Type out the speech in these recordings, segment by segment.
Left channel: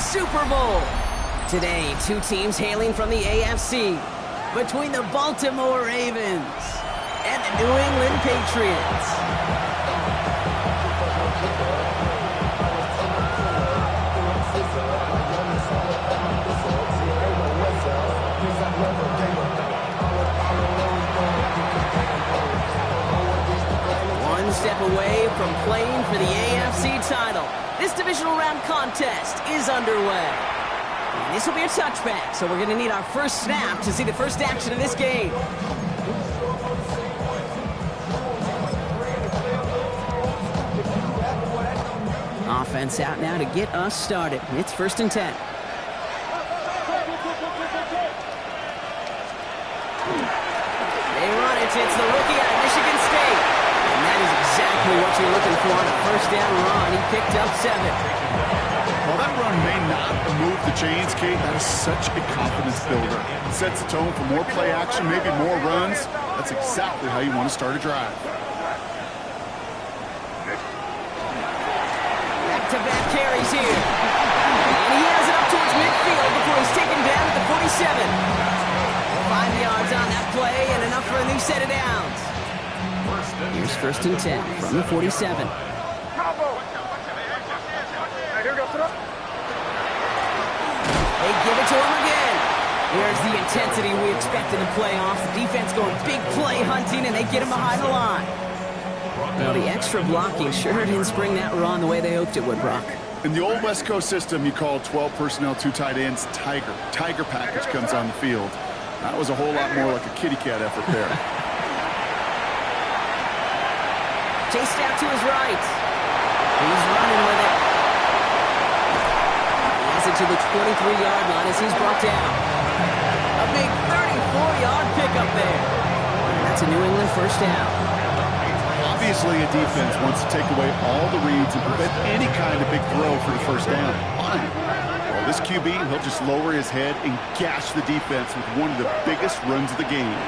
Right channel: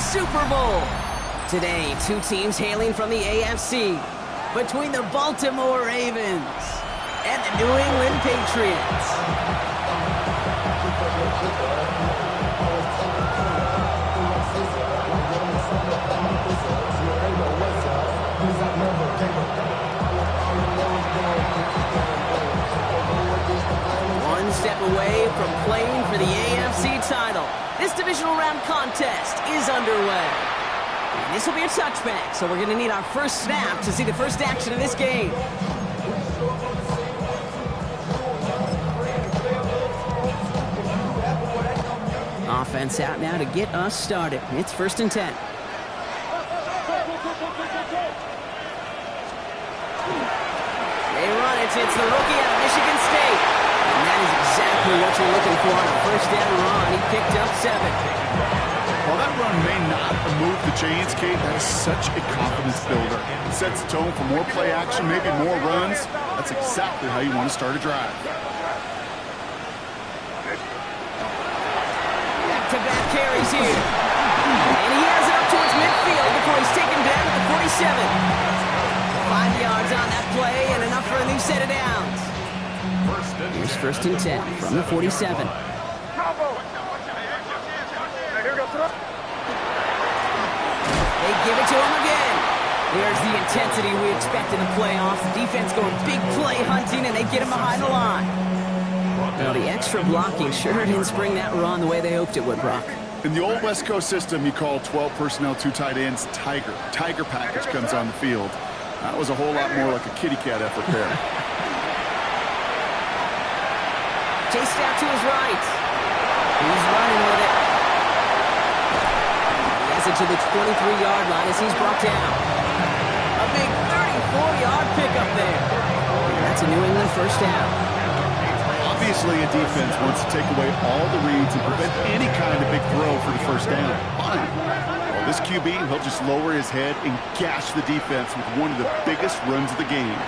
Super Bowl. Today, two teams hailing from the AFC. Between the Baltimore Ravens and the New England Patriots. One step away from playing for the AFC title. This divisional round contest is underway. And this will be a touchback, so we're going to need our first snap to see the first action of this game. Offense out now to get us started. It's 1st and 10. They run it. It's the rookie out of Michigan State. And that is exactly what you're looking for on a first down run. He picked up 7. While that run may not move the chains, Kate, that is such a confidence builder. It sets the tone for more play action, maybe more runs. That's exactly how you want to start a drive. Back-to-back carries here. And he has it up towards midfield before he's taken down at the 47. 5 yards on that play and enough for a new set of downs. Here's 1st and 10 from the 47. They give it to him again. There's the intensity we expect in the playoffs. The defense going big play hunting, and they get him behind the line. Well, the extra blocking sure didn't spring that run the way they hoped it would, Brock. In the old West Coast system, you call 12 personnel, 2 tight ends, Tiger. Tiger package comes on the field. That was a whole lot more like a kitty cat effort there. Chased out to his right. He's running with it. He has it to the 23-yard line as he's brought down. A big 34-yard pickup there. That's a New England first down. Obviously, a defense wants to take away all the reads and prevent any kind of big throw for the first down. Fine. Well, this QB, he'll just lower his head and gash the defense with one of the biggest runs of the game.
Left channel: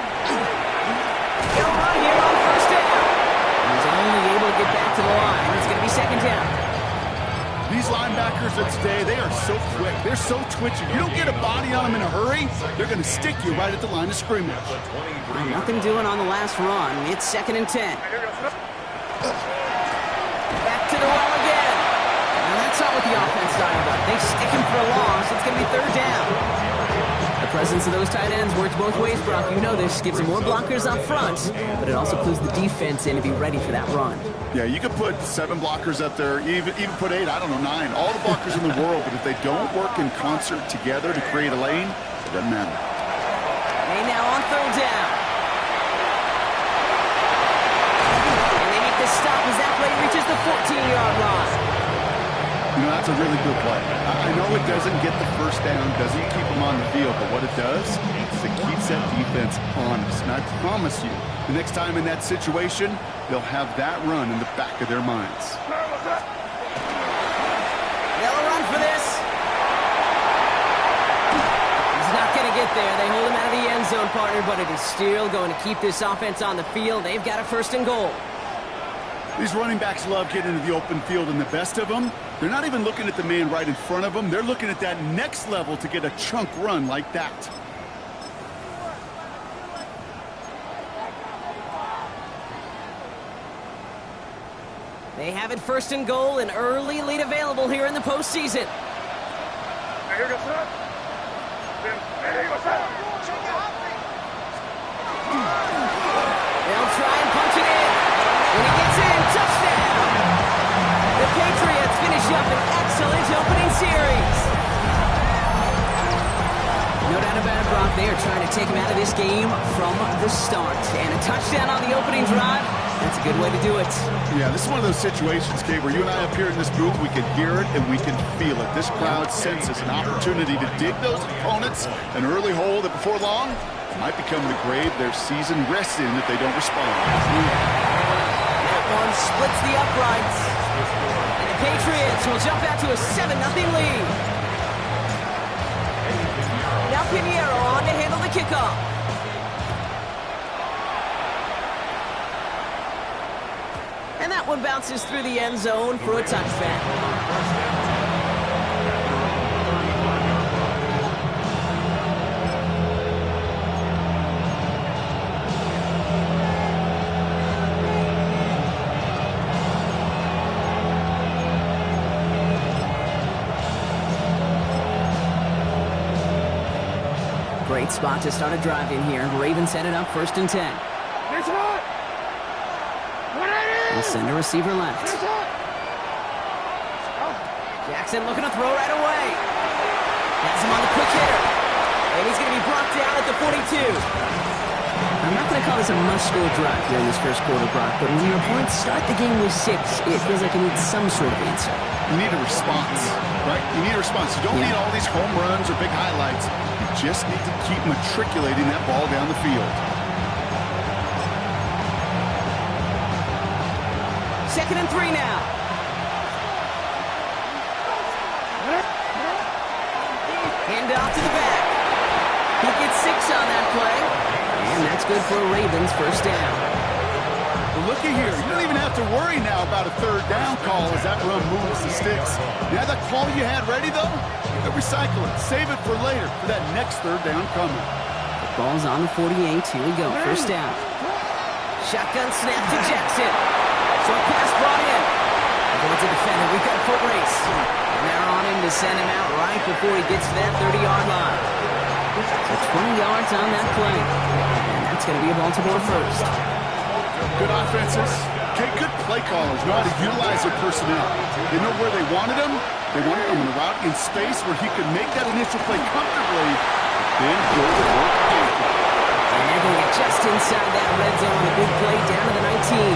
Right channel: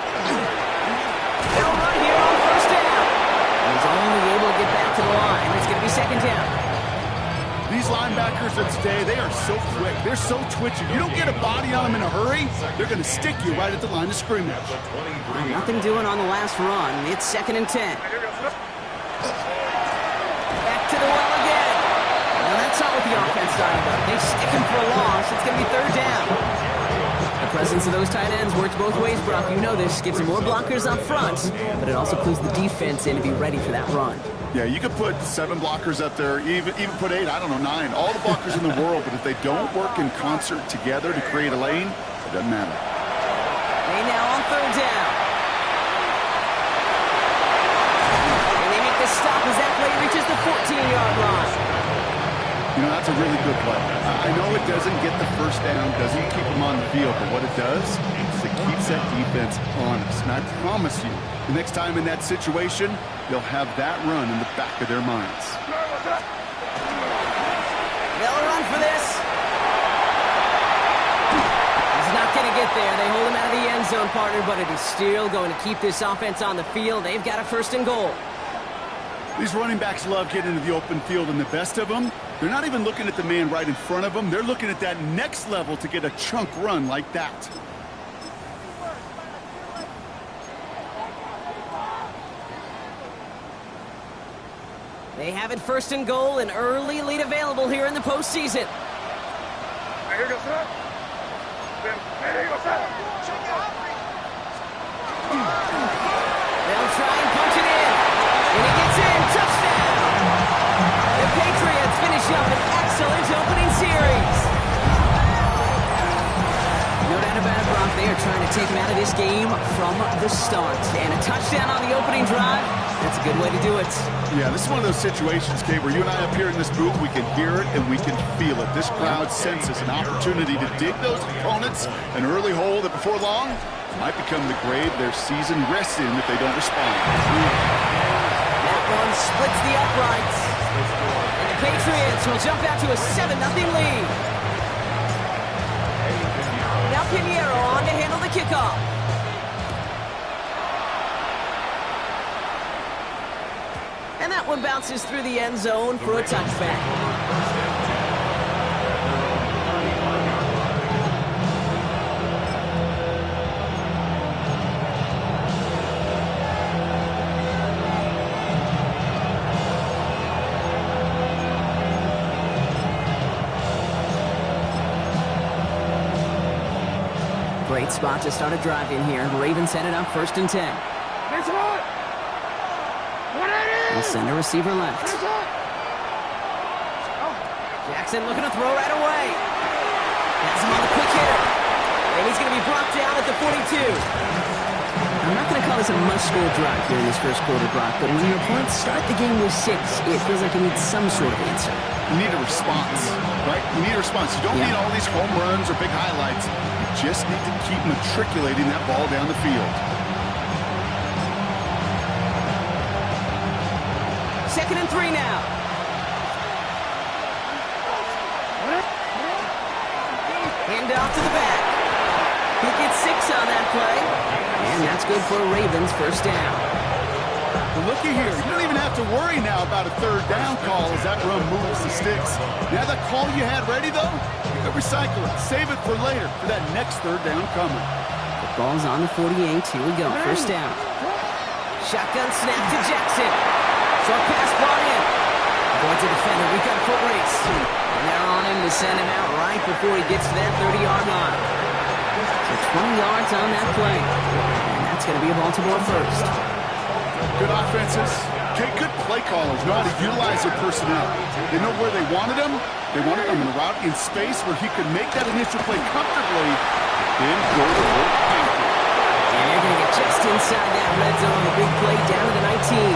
They'll run here on first down. He's only able to get back to the line. It's going to be 2nd down. These linebackers of today, they are so quick. They're so twitchy. You don't get a body on them in a hurry, they're going to stick you right at the line of scrimmage. Well, nothing doing on the last run. It's 2nd and 10. Back to the well again. Now that's not what the offense dialed up. They stick him for a loss. It's going to be 3rd down. The presence of those tight ends works both ways, Brock. You know this. Gives them more blockers up front, but it also clues the defense in to be ready for that run. Yeah, you could put 7 blockers up there, even put 8, I don't know, 9. All the blockers in the world, but if they don't work in concert together to create a lane, it doesn't matter. They now on 3rd down. And they make the stop as that play reaches the 14-yard line. You know, that's a really good play. I know it doesn't get the first down, doesn't keep them on the field, but what it does is it keeps that defense honest. And I promise you, the next time in that situation, they'll have that run in the back of their minds. They'll run for this. He's not going to get there. They hold him out of the end zone, partner, but it is still going to keep this offense on the field. They've got a 1st and goal. These running backs love getting into the open field, and the best of them, they're not even looking at the man right in front of them. They're looking at that next level to get a chunk run like that. They have it 1st and goal, an early lead available here in the postseason. They'll try and punch it in. And he gets in. Touchdown. The Patriots finish up an excellent opening series. No doubt about it, Brock. They are trying to take him out of this game from the start. And a touchdown on the opening drive, that's a good way to do it. Yeah, this is one of those situations, Kate, where you and I up here in this booth, we can hear it and we can feel it. This crowd senses an opportunity to dig those opponents an early hole that before long might become the grave their season rests in if they don't respond. That one splits the uprights. And the Patriots will jump out to a 7-0 lead. Now Pinheiro on to handle the kickoff. And that one bounces through the end zone for a touchback. Great spot to start a drive in here. Ravens set it up 1st and 10. They'll send a receiver left. Jackson looking to throw right away. Has him on the quick hitter. And he's going to be brought down at the 42. I'm not going to call this a must-score drive here in this first quarter, Brock, but when your opponents start the game with 6, it feels like you need some sort of answer. You need a response, right? You need a response. You don't need all these home runs or big highlights. You just need to keep matriculating that ball down the field. 2nd and 3 now. Hand off to the back. He gets 6 on that play. And that's good for a Ravens first down. Well, looky here. You don't even have to worry now about a 3rd down call as that run moves the sticks. Now that call you had ready, though, you can recycle it. Save it for later for that next 3rd down coming. The ball's on the 48. Here we go. First down. Shotgun snap to Jackson. Short pass brought in. Avoids a defender. We've got a foot race. And they're on him to send him out right before he gets to that 30-yard line. So 20 yards on that play. And that's going to be a Baltimore first. Good offenses. Okay, good play callers know how to utilize their personnel. They know where they wanted him. They wanted him in a route in space where he could make that initial play comfortably, but then go to work after. And they're going to get just inside that red zone on the big play down to the 19.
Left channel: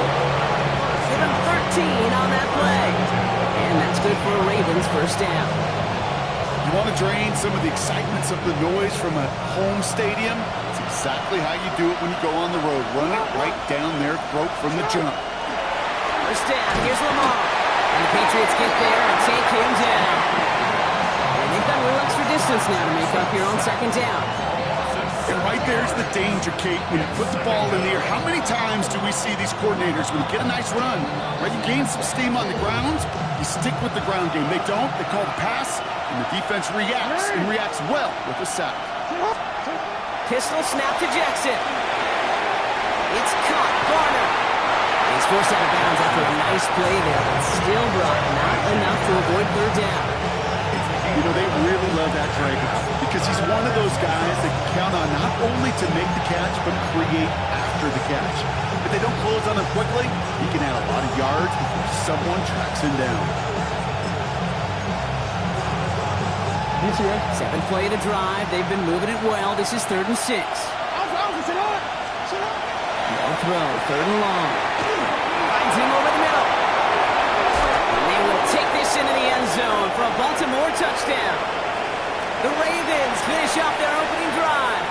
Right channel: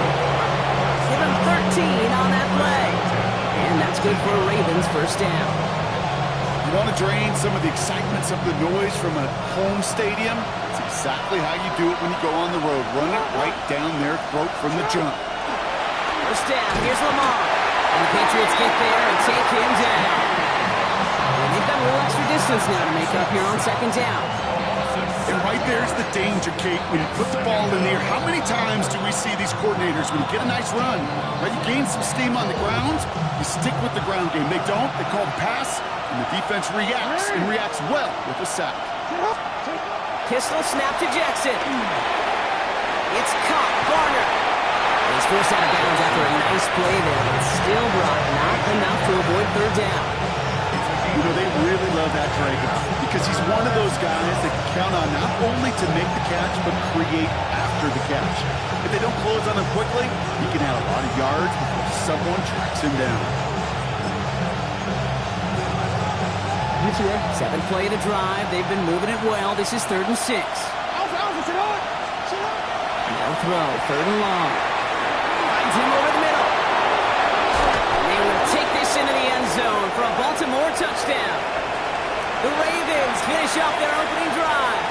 Give him 13 on that play. And that's good for a Ravens first down. You want to drain some of the excitements of the noise from a home stadium? It's exactly how you do it when you go on the road. Run it right down their throat from the jump. First down, here's Lamar. And the Patriots get there and take him down. And they've got a little extra distance now to make up here on 2nd down. And right there's the danger, Kate. When you put the ball in the air, how many times do we see these coordinators, when you get a nice run, right, you gain some steam on the ground, you stick with the ground game. They don't. They call the pass, and the defense reacts, and reacts well with a sack. Pistol snap to Jackson. It's caught. Garner. He's forced out of bounds after a nice play there, but still brought not enough to avoid 3rd down. You know, they really love that drag route because he's one of those guys that can count on not only to make the catch, but create after the catch. If they don't close on him quickly, he can add a lot of yards before someone tracks him down. 7th play of the drive. They've been moving it well. This is 3rd and 6. They'll throw. 3rd and long. Finds him over the middle. And they will take this into the end zone for a Baltimore touchdown. The Ravens finish off their opening drive.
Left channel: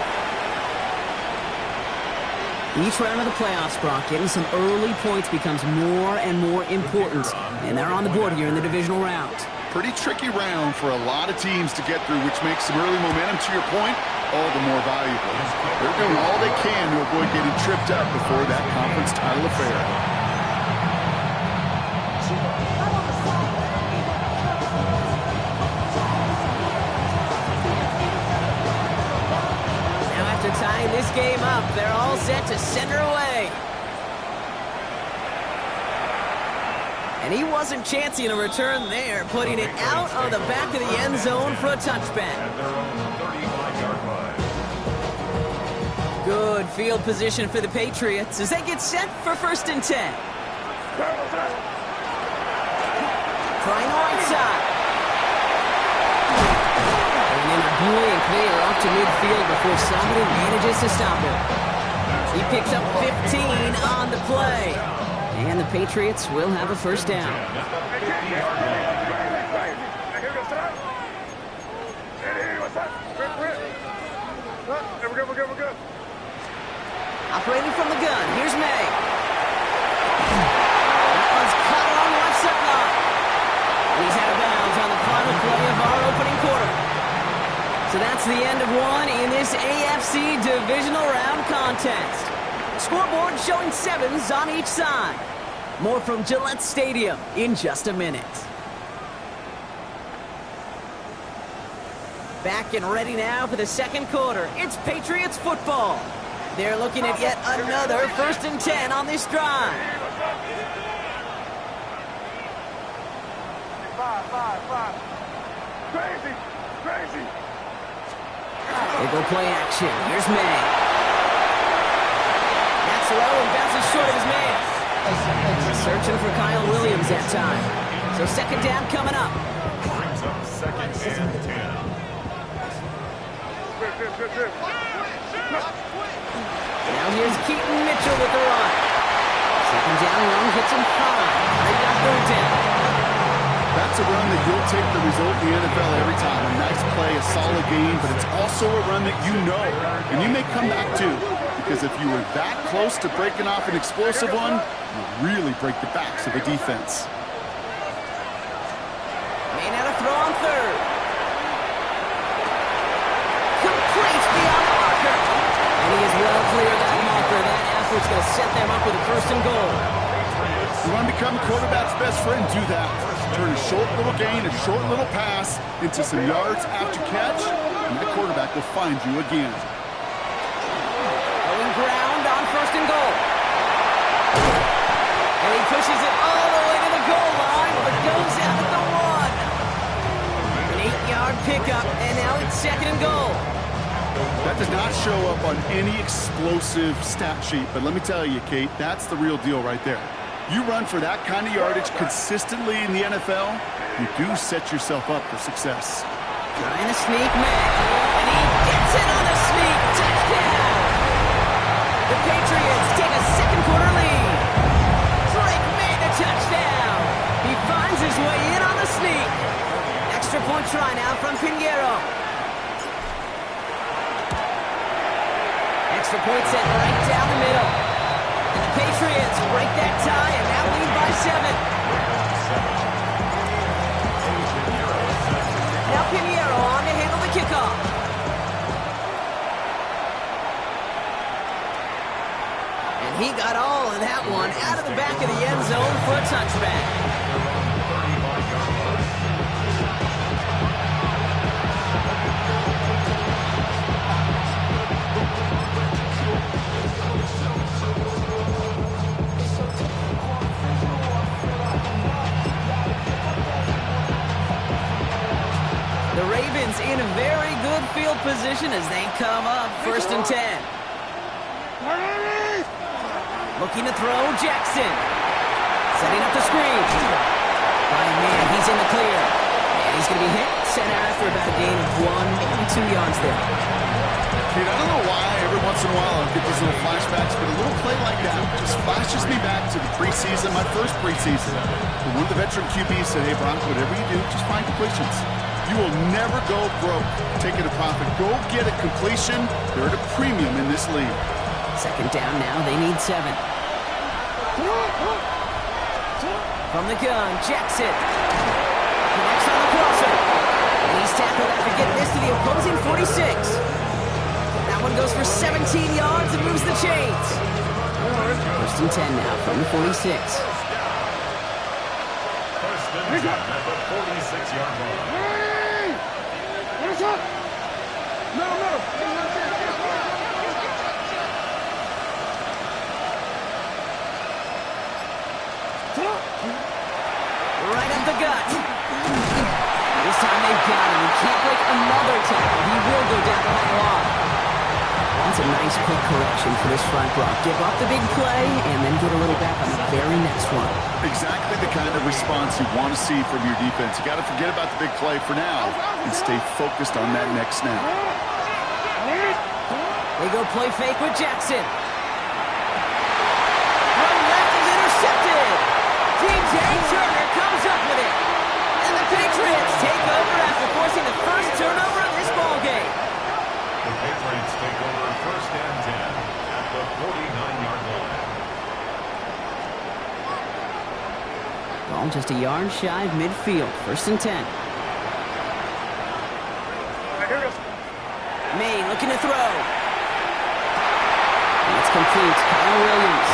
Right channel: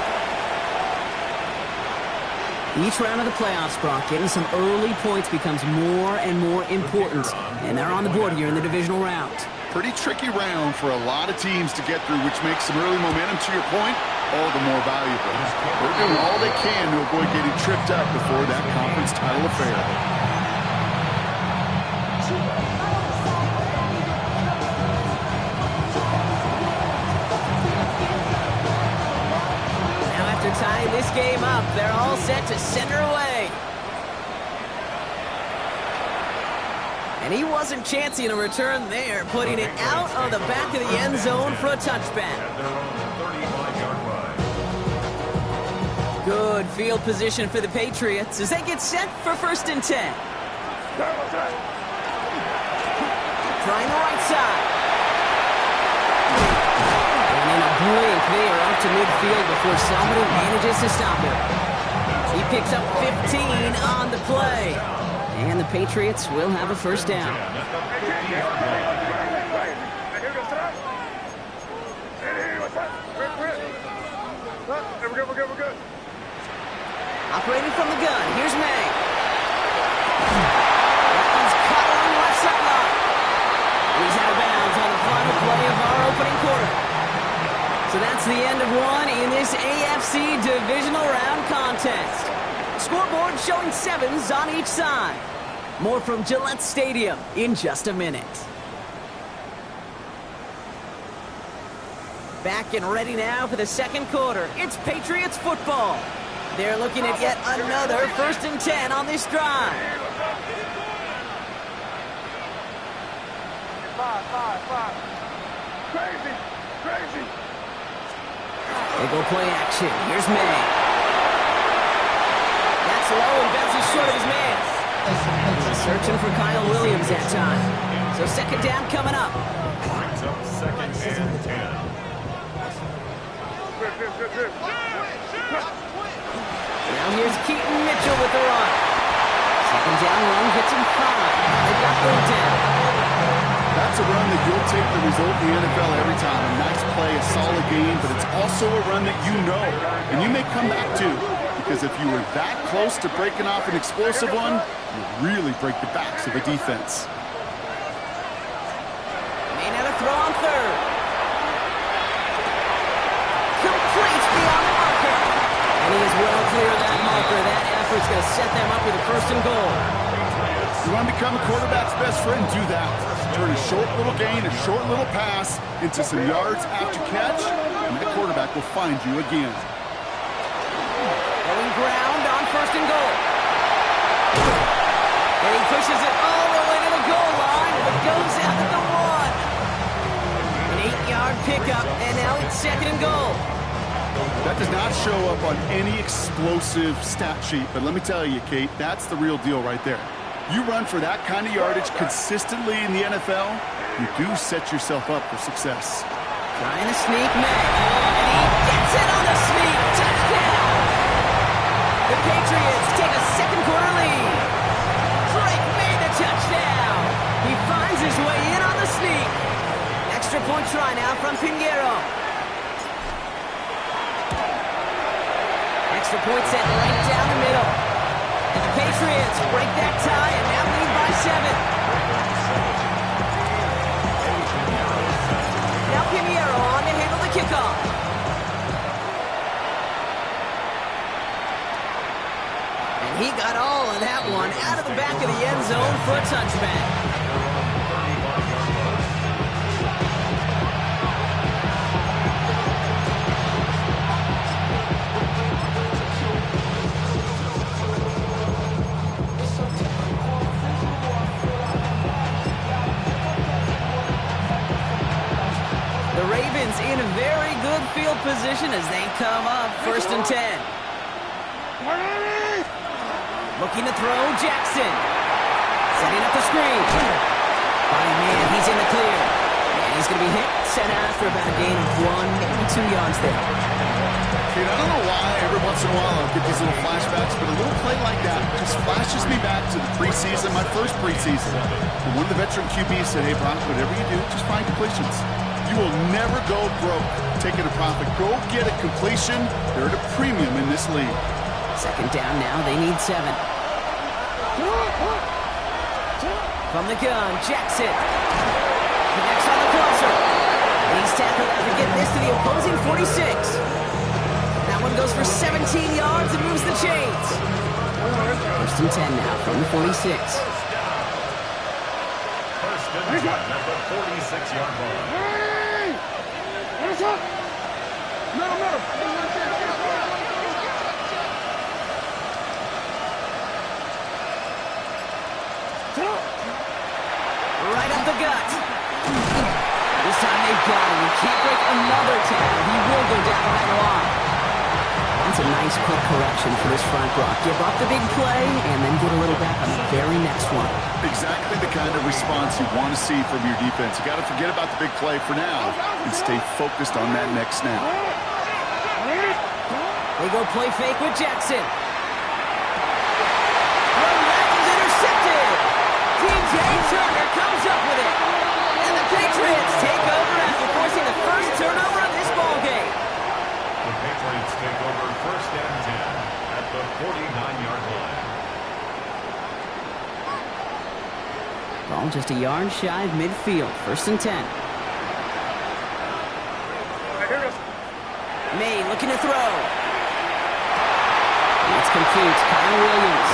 Each round of the playoffs, Brock, getting some early points becomes more and more important. And they're on the board here in the divisional round. Pretty tricky round for a lot of teams to get through, which makes some early momentum, to your point, all the more valuable. They're doing all they can to avoid getting tripped up before that conference title affair. Now after tying this game up, they're all set to send her away. And he wasn't chancing a return there, putting it out of the back of the end zone for a touchback. At their own 35-yard line. Good field position for the Patriots as they get set for 1st and 10. Trying the right side. And in a blink, they are up to midfield before somebody manages to stop him. He picks up 15 on the play. And the Patriots will have a first down. We're good. Operating from the gun, here's May. That one's caught along the left sideline. He's out of bounds on the final play of our opening quarter. So that's the end of one in this AFC divisional round contest. Scoreboard showing 7s on each side. More from Gillette Stadium in just a minute. Back and ready now for the second quarter. It's Patriots football. They're looking at yet another 1st and 10 on this drive. Five. Crazy. They go play action. Here's May. That's low and bounces short of his man. Searching for Kyle Williams that time. So second down coming up. Brings up second and 10. Now here's Keaton Mitchell with the run. Second down run gets him 5. Now they've got third down. That's a run that you'll take the result in the NFL every time. A nice play, a solid game, but it's also a run that you know, and you may come back to. Because if you were that close to breaking off an explosive one, you really break the backs of a defense. May now to throw on third. Complete beyond the marker. And he is well clear of that marker. That effort's going to set them up with a first and goal. You want to become a quarterback's best friend? Do that. Turn a short little gain, a short little pass into some yards after catch, and that quarterback will find you again. Going ground on first and goal. And he pushes it all the way to the goal line, but goes out at the 1. An 8-yard pickup, and now it's second and goal. That does not show up on any explosive stat sheet, but let me tell you, Kate, that's the real deal right there. You run for that kind of yardage consistently in the NFL, you do set yourself up for success. Trying to sneak May, and he gets it on the sneak. Touchdown! The Patriots take a second quarter lead. Drake made the touchdown. He finds his way in on the sneak. Extra point try now from Pinheiro. Extra point set right down the middle. And the Patriots break that tie and now lead by 7. Now Pinheiro on to handle the kickoff. And he got all of that one out of the back of the end zone for a touchback. The Ravens in a very good field position as they come up first and 10. Looking to throw, Jackson. Setting up the screen. By man, he's in the clear. And he's going to be hit, set out after about a gain of 1, maybe 2 yards there. Kate, I don't know why every once in a while I'll get these little flashbacks, but a little play like that just flashes me back to the preseason, my first preseason. When one of the veteran QBs said, hey, Brock, whatever you do, just find completions. You will never go broke taking a profit. Go get a completion. They're at a premium in this league. Second down now. They need 7. From the gun, Jackson. Connects on the crosser. And he's tackled after getting this to the opposing 46. That one goes for 17 yards and moves the chains. First and 10 now from the 46. First and 10 at the 46-yard line. Right up the gut. This time they've got him. He can't break another tackle. He will go down behind the line. That's a nice quick correction for this front, Brock. Give up the big play and then get a little back on the very next one. Exactly the kind of response you want to see from your defense. You got to forget about the big play for now and stay focused on that next snap. They go play fake with Jackson. Throw left is intercepted. DJ Turner comes up with it. And the Patriots take over after forcing the first turnover of this ballgame. The Patriots take over first and 10 at the 49-yard line. Ball just a yard shy of midfield. First and 10. May looking to throw. And it's complete. Kyle Williams.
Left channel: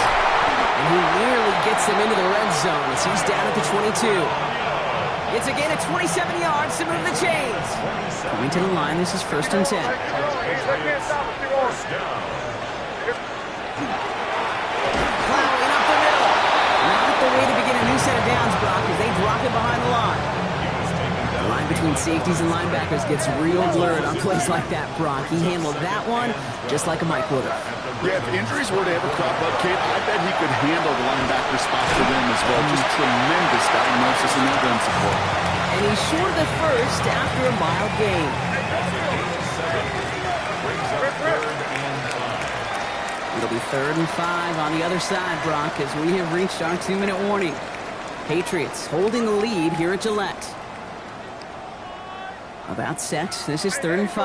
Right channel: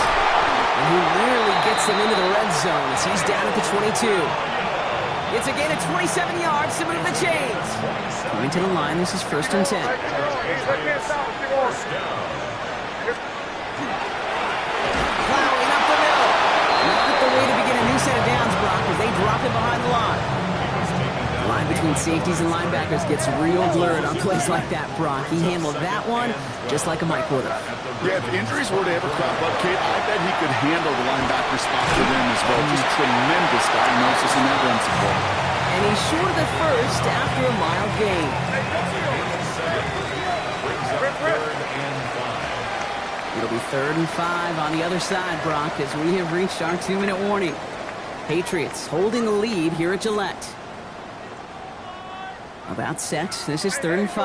And he nearly gets them into the red zone as he's down at the 22. It's a gain of 27 yards to move the chains. Coming to the line, this is first and 10. First down. Plowing up the middle. Not the way to begin a new set of downs, Brock, as they drop it behind the line. He was taken down The line between safeties and linebackers gets real blurred on plays like that, Brock. He handled that one just like a Mike would have. Yeah, if injuries were to ever crop up, Kate, I bet he could handle the linebacker spot for them as well. Just tremendous diagnosis in that run support. And he's short of the first after a mild gain. Brings up 3rd and 5. It'll be 3rd and 5 on the other side, Brock, as we have reached our 2-minute warning. Patriots holding the lead here at Gillette. About set. This is 3rd and 5.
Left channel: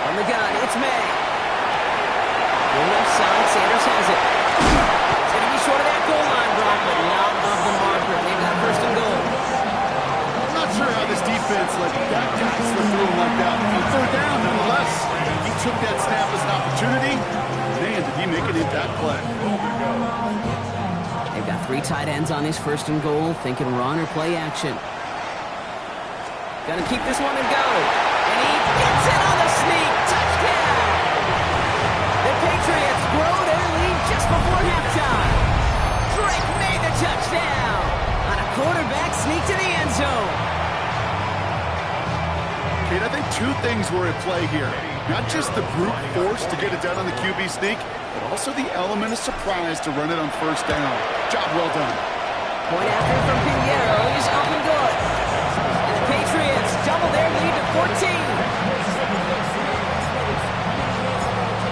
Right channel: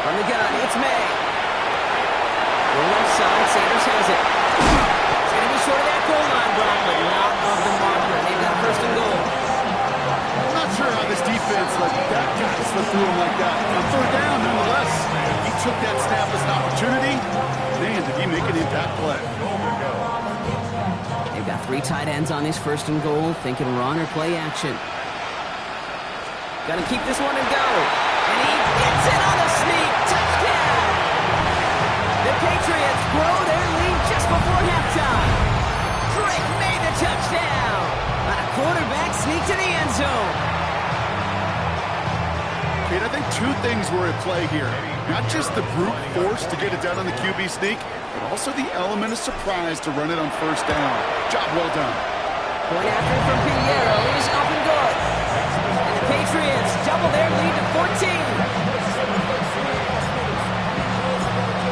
From the gun, it's May. Go left side, Sanders has it. It's going to be short of that goal line, Brock, but not of the marker. They've got 1st and goal. I'm not sure how this defense let that guy slip through him like that. On 3rd down, nonetheless, he took that snap as an opportunity. Man, did he make an impact play. They've got 3 tight ends on this 1st and goal, thinking run or play action. Gonna keep this one and go. And he gets it on the sneak. Touchdown! The Patriots grow their lead just before halftime. Drake made the touchdown on a quarterback sneak to the end zone. Kate, I think 2 things were at play here. Not just the brute force to get it done on the QB sneak, but also the element of surprise to run it on 1st down. Job well done. Point after from Pinheiro is up and good. And the Patriots double their lead to 14.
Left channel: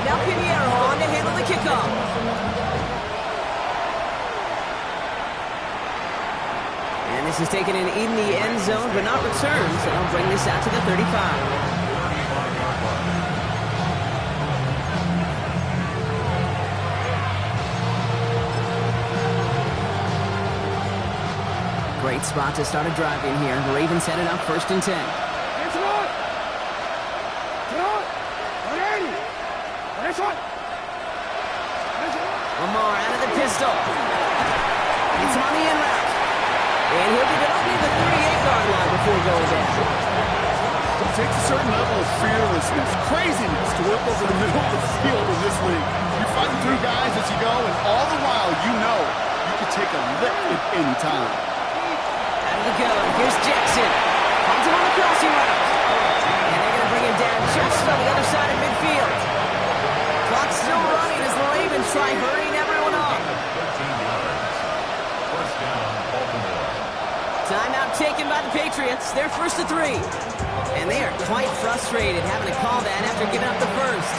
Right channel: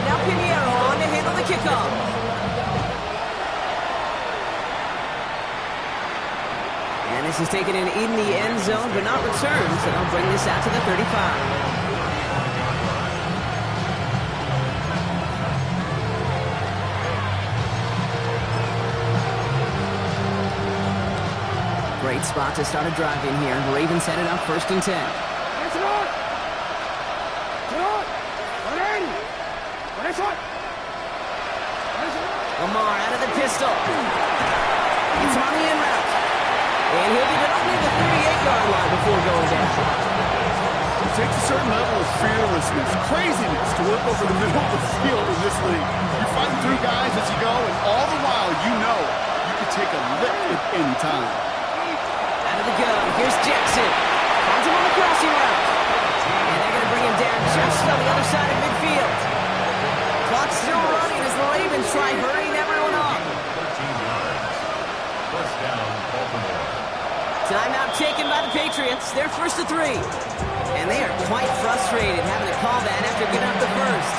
Now Pinheiro on to handle the kickoff. And this is taken in the end zone, but not returned, so they'll bring this out to the 35. Great spot to start a drive in here. The Ravens headed up 1st and 10. Lamar out of the pistol. It's him on the in route. And he'll be up near the 38-yard line before going down. It takes a certain level of fearlessness, craziness to work over the middle of the field in this league. You're fighting through guys as you go, and all the while you know you can take a lick at any time. Out of the gun, here's Jackson. Finds him on the crossing route. And they're going to bring him down just on the other side of midfield. Clock's still running as the Ravens try hurrying everyone up. 13 yards. 1st down, Baltimore. Timeout taken by the Patriots. They're 1st to 3. And they are quite frustrated having to call that after giving up the first.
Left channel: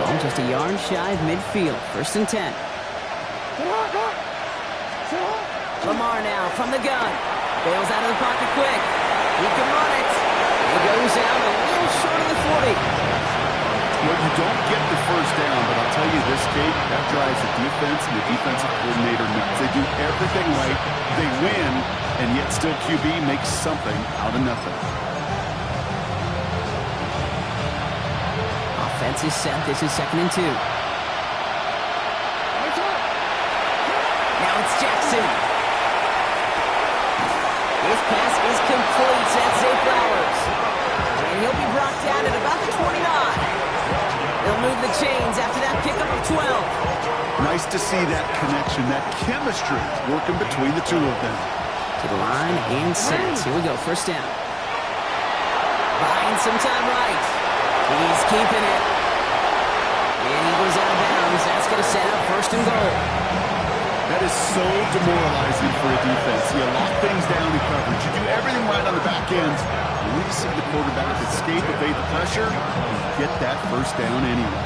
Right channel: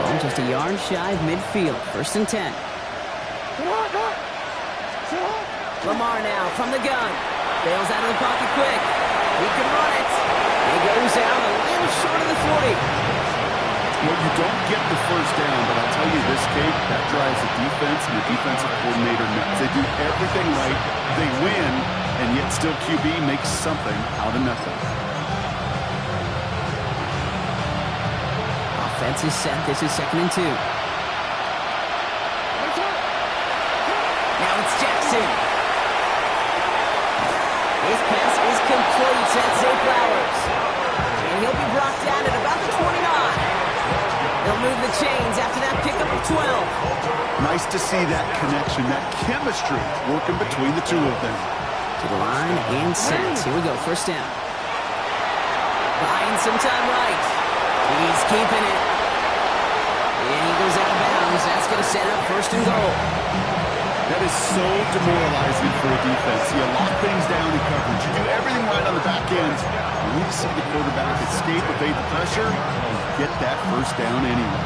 Ball just a yard shy of midfield. 1st and 10. Lamar now from the gun. Bails out of the pocket quick. He can run it. He goes out a little short of the 40. Well, you don't get the 1st down, but I'll tell you this, Kate, that drives the defense and the defensive coordinator nuts. They do everything right. They win, and yet still QB makes something out of nothing. Offense is set. This is 2nd and 2. Now it's Jackson. His pass is complete. That's Zay Flowers. And he'll be brought down at about the 29. They'll move the chains after that pickup of 12. Nice to see that connection, that chemistry working between the 2 of them. To the line and set. Here we go. 1st down. Buying some time right. He's keeping it. And he goes out of bounds. That's going to set up 1st and goal. That is so demoralizing for a defense. You lock things down in coverage. You do everything right on the back end. You need to see the quarterback escape, evade the pressure, and get that 1st down anyway.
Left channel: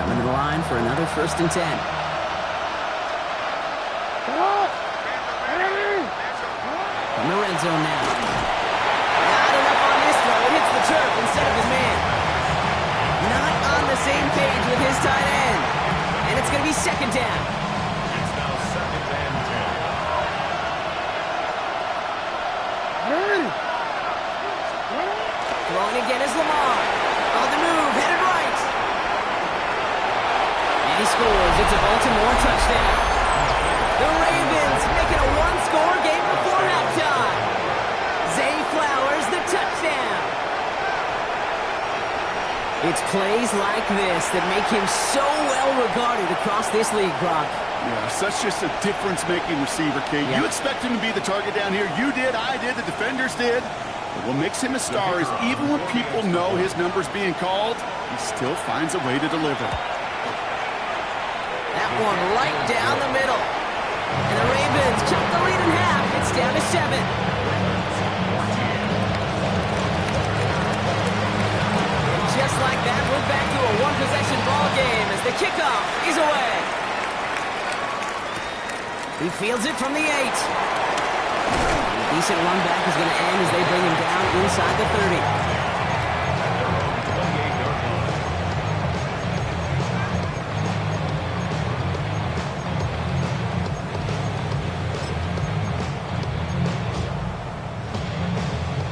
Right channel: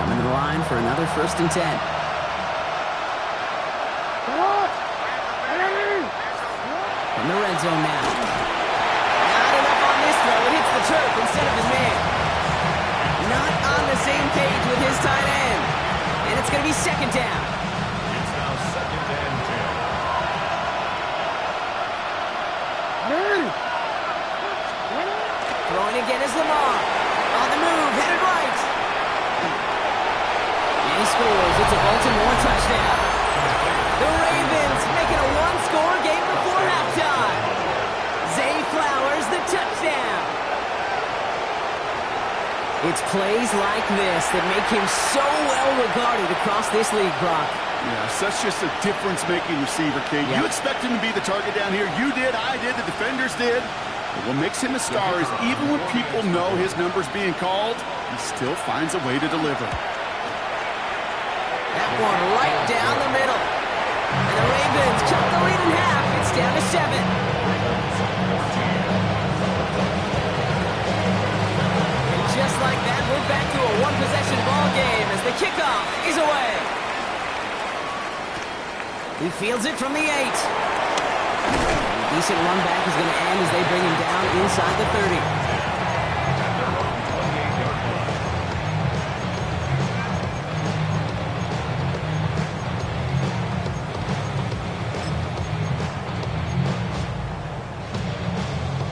Coming to the line for another 1st and 10. From the red zone now. Not enough on this throw. It hits the turf instead of his man. Not on the same page with his tight end. And it's going to be 2nd down. It's now 2nd and 10. Throwing again is Lamar. On the move, headed right. And he scores. It's a Baltimore touchdown. score game before halftime. Zay Flowers, the touchdown. It's plays like this that make him so well regarded across this league, Brock. Yeah, such just a difference-making receiver, Kate. Yeah. You expect him to be the target down here. You did, I did, the defenders did. But what makes him a star is even when people know his number's being called, he still finds a way to deliver. That one right down the middle. And the Ravens cut the lead in half. It's down to 7. Just like that, we're back to a one-possession ball game as the kickoff is away. He fields it from the 8. A decent run back is going to end as they bring him down inside the 30.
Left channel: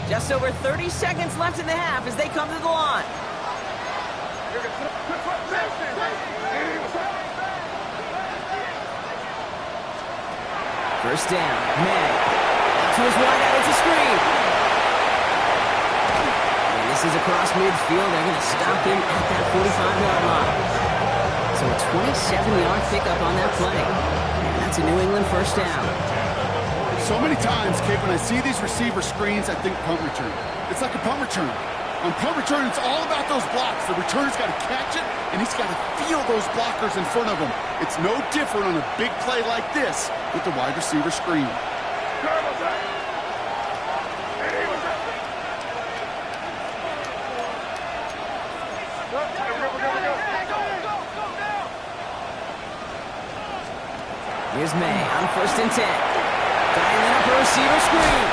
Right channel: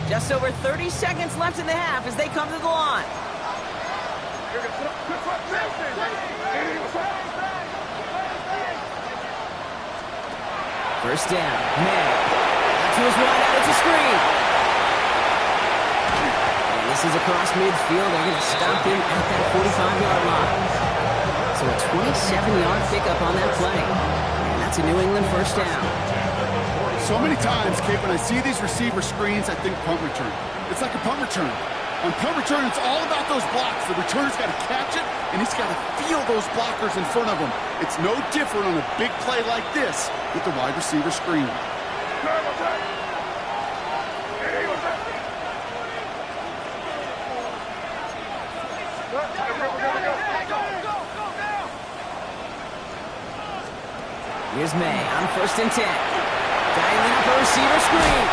Just over 30 seconds left in the half as they come to the line. First down, May. Out to his wideout, it's a screen. And this is across midfield. They're going to stop him at that 45-yard line. So a 27-yard pickup on that play. And that's a New England first down. So many times, Kate, when I see these receiver screens, I think punt return. It's like a punt return. On punt return, it's all about those blocks. The returner's got to catch it, and he's got to feel those blockers in front of him. It's no different on a big play like this with the wide receiver screen. Here's May on 1st and 10. Dialing up a receiver screen.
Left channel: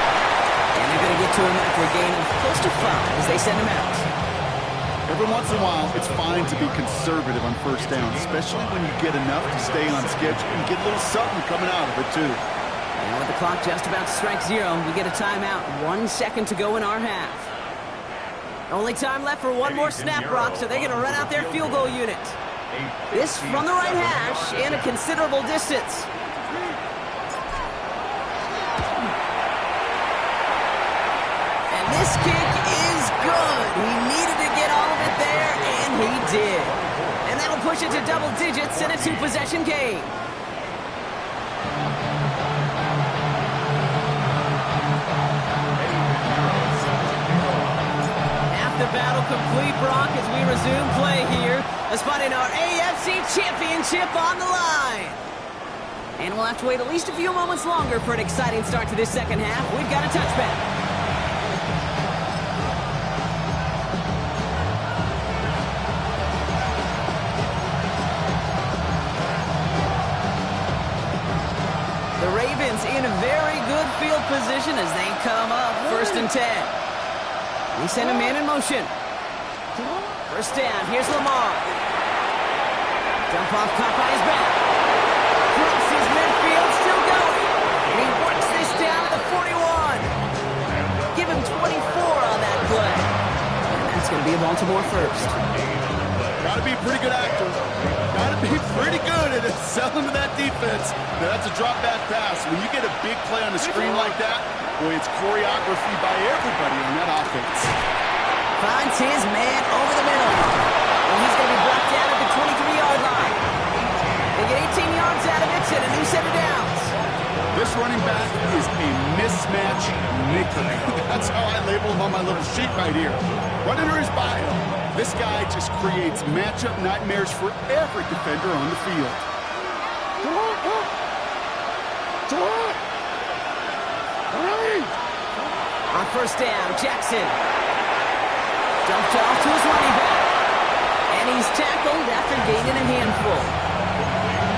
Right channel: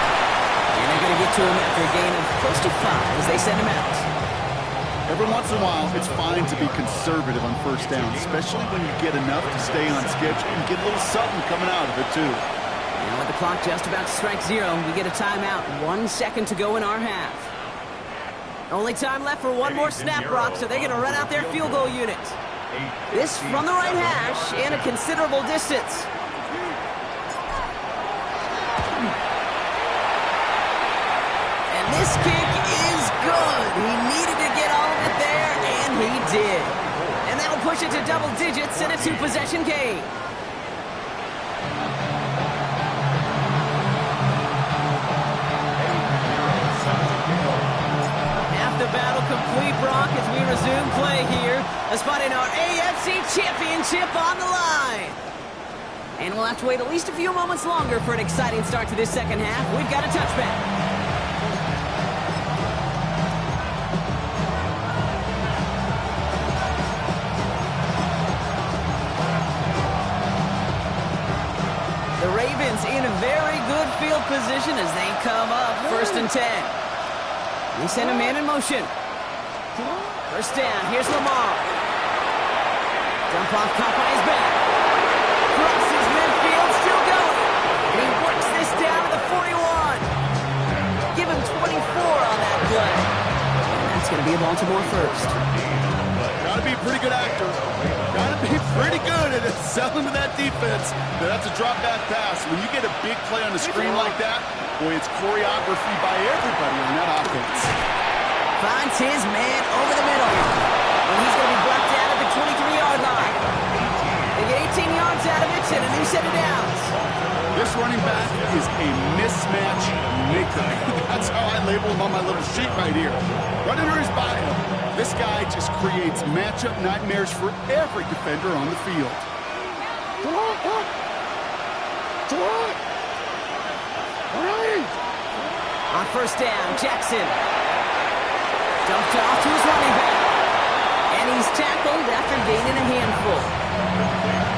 And they're going to get to him after a gain of close to 5 as they send him out. Every once in a while, it's fine to be conservative on first down, especially when you get enough to stay on schedule. You get a little something coming out of it, too. And with the clock just about to strike 0, we get a timeout. 1 second to go in our half. Only time left for one more snap, Brock, so they're going to run out their field goal unit. This from the right hash and a considerable distance. And this kick is good. He needed to get all of it there, and he did. And that'll push it to double digits in a 2-possession game. Half the battle complete, Brock, as we resume play here. A spot in our AFC Championship on the line. And we'll have to wait at least a few moments longer for an exciting start to this second half. We've got a touchback. The Ravens in a very good field position as they come up 1st and 10. They send a man in motion. First down, here's Lamar. Dump off caught by his back. Crosses midfield, still going. And he works this down to the 41. Give him 24 on that play. And that's going to be a Baltimore first. Got to be a pretty good actor. Got to be pretty good at selling to that defense. Now, that's a drop-back pass. When you get a big play on the screen like that, boy, it's choreography by everybody on that offense. Finds his man over the middle. And he's going to be brought down at the 23-yard line. They get 18 yards out of it and a new set of downs. This running back is a mismatch maker. That's how I label him on my little sheet right here. Right under his bio, this guy just creates matchup nightmares for every defender on the field. On first down, Jackson. Dumped off to his running back. And he's tackled after gaining a handful.